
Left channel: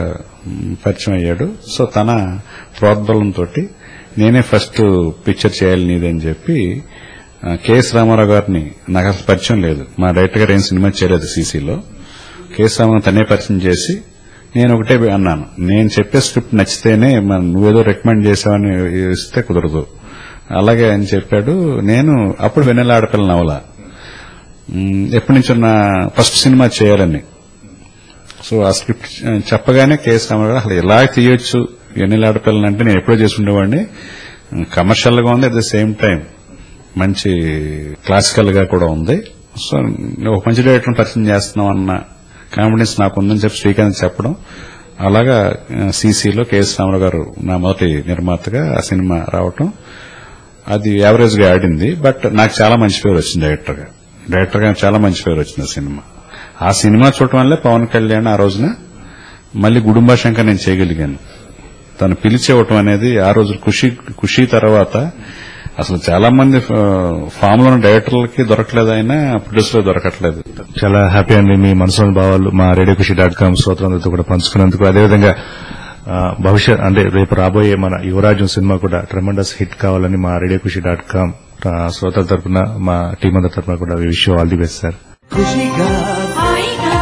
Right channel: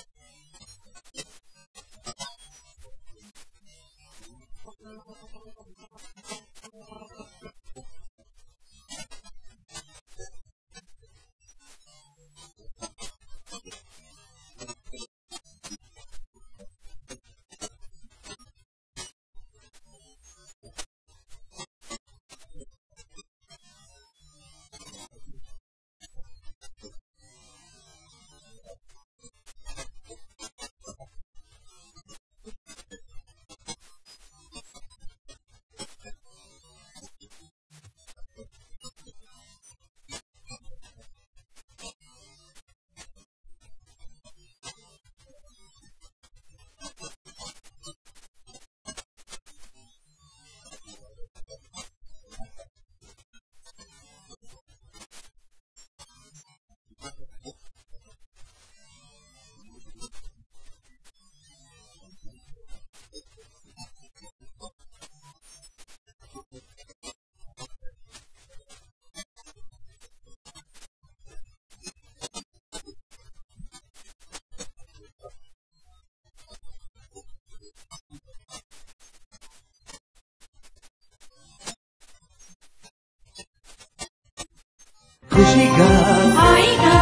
పరిచయం అయ్యాడు. సో తన ప్రోద్బలంతో నేనే ఫస్ట్ పిక్చర్ చేయాలి నీదని చెప్పి కెఎస్ రామారావు గారిని, నాకు అసలు పరిచయం లేదు, మా డైరెక్టర్ గారు ఏం సినిమా చేయలేదు సీసీలో. కెఎస్ రామారావు తనే పరిచయం చేసి నేను ఒకటే అన్నాను, నేను చెప్పే స్క్రిప్ట్ నచ్చితేనే, నువ్వేదో రికమెండ్ చేసావని ఇస్తే కుదరదు, అలాగే అని చెప్పాడు. నేను అప్పుడు వెన్నెల ఆడపిల్ల నవల ఎప్పటి నుంచో నా ఫస్ట్ సినిమా చేయాలని. సో ఆ స్క్రిప్ట్ చెప్పగానే కెఎస్ రామారావు గారు అసలు ఎలా తీయొచ్చు వెన్నెల ఆడపిల్లని అంటే నేను ఎప్పుడో చేసుకుండేవాడిని, కమర్షియల్ గా ఉంది, అట్ ద సేమ్ టైం మంచి క్లాసికల్ గా కూడా ఉంది. సో ఒక మంచి డైరెక్టర్ పరిచయం చేస్తున్నాం అన్న కాన్ఫిడెన్స్ నాకు ఉందని చెప్పి శ్రీకాంత్ చెప్పడం, అలాగా సీసీలో కెఎస్ రామారావు గారు నా మొదటి నిర్మాతగా ఆ సినిమా రావటం. అది యావరేజ్ గా ఆడింది, బట్ నాకు చాలా మంచి పేరు వచ్చింది డైరెక్టర్ గా చాలా మంచి పేరు వచ్చింది సినిమా. ఆ సినిమా చూడటం వల్లే పవన్ కళ్యాణ్ ఆ రోజున మళ్ళీ గుడుంబా శంకర్ నేను చేయగలిగాను. తను పిలిచేవటం అనేది ఆ రోజు ఖుషి తర్వాత అసలు చాలా మంది ఫామ్ లో డైరెక్టర్లకి దొరకలేదు, అయినా ప్రొడ్యూసర్ దొరకట్లేదు. చాలా హ్యాపీ అండి మీ మనసులోని భావాలు మా రేడియోఖుషి.com శ్రోతలందరితో కూడా పంచుకున్నందుకు. అదేవిధంగా భవిష్యత్ అంటే రేపు రాబోయే మన యువరాజం సినిమా కూడా ట్రెమెండస్ హిట్ కావాలని మా రేడియోఖుషి.com శ్రోతల తరఫున, మా టీం అందరి తరఫున కూడా wish you all the best sir. ఖుషిగా హాయిగా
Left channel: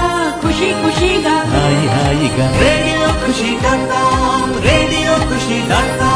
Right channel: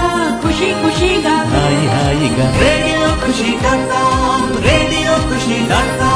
ఖుషిగా హాయిగా రేడియో ఖుషి.com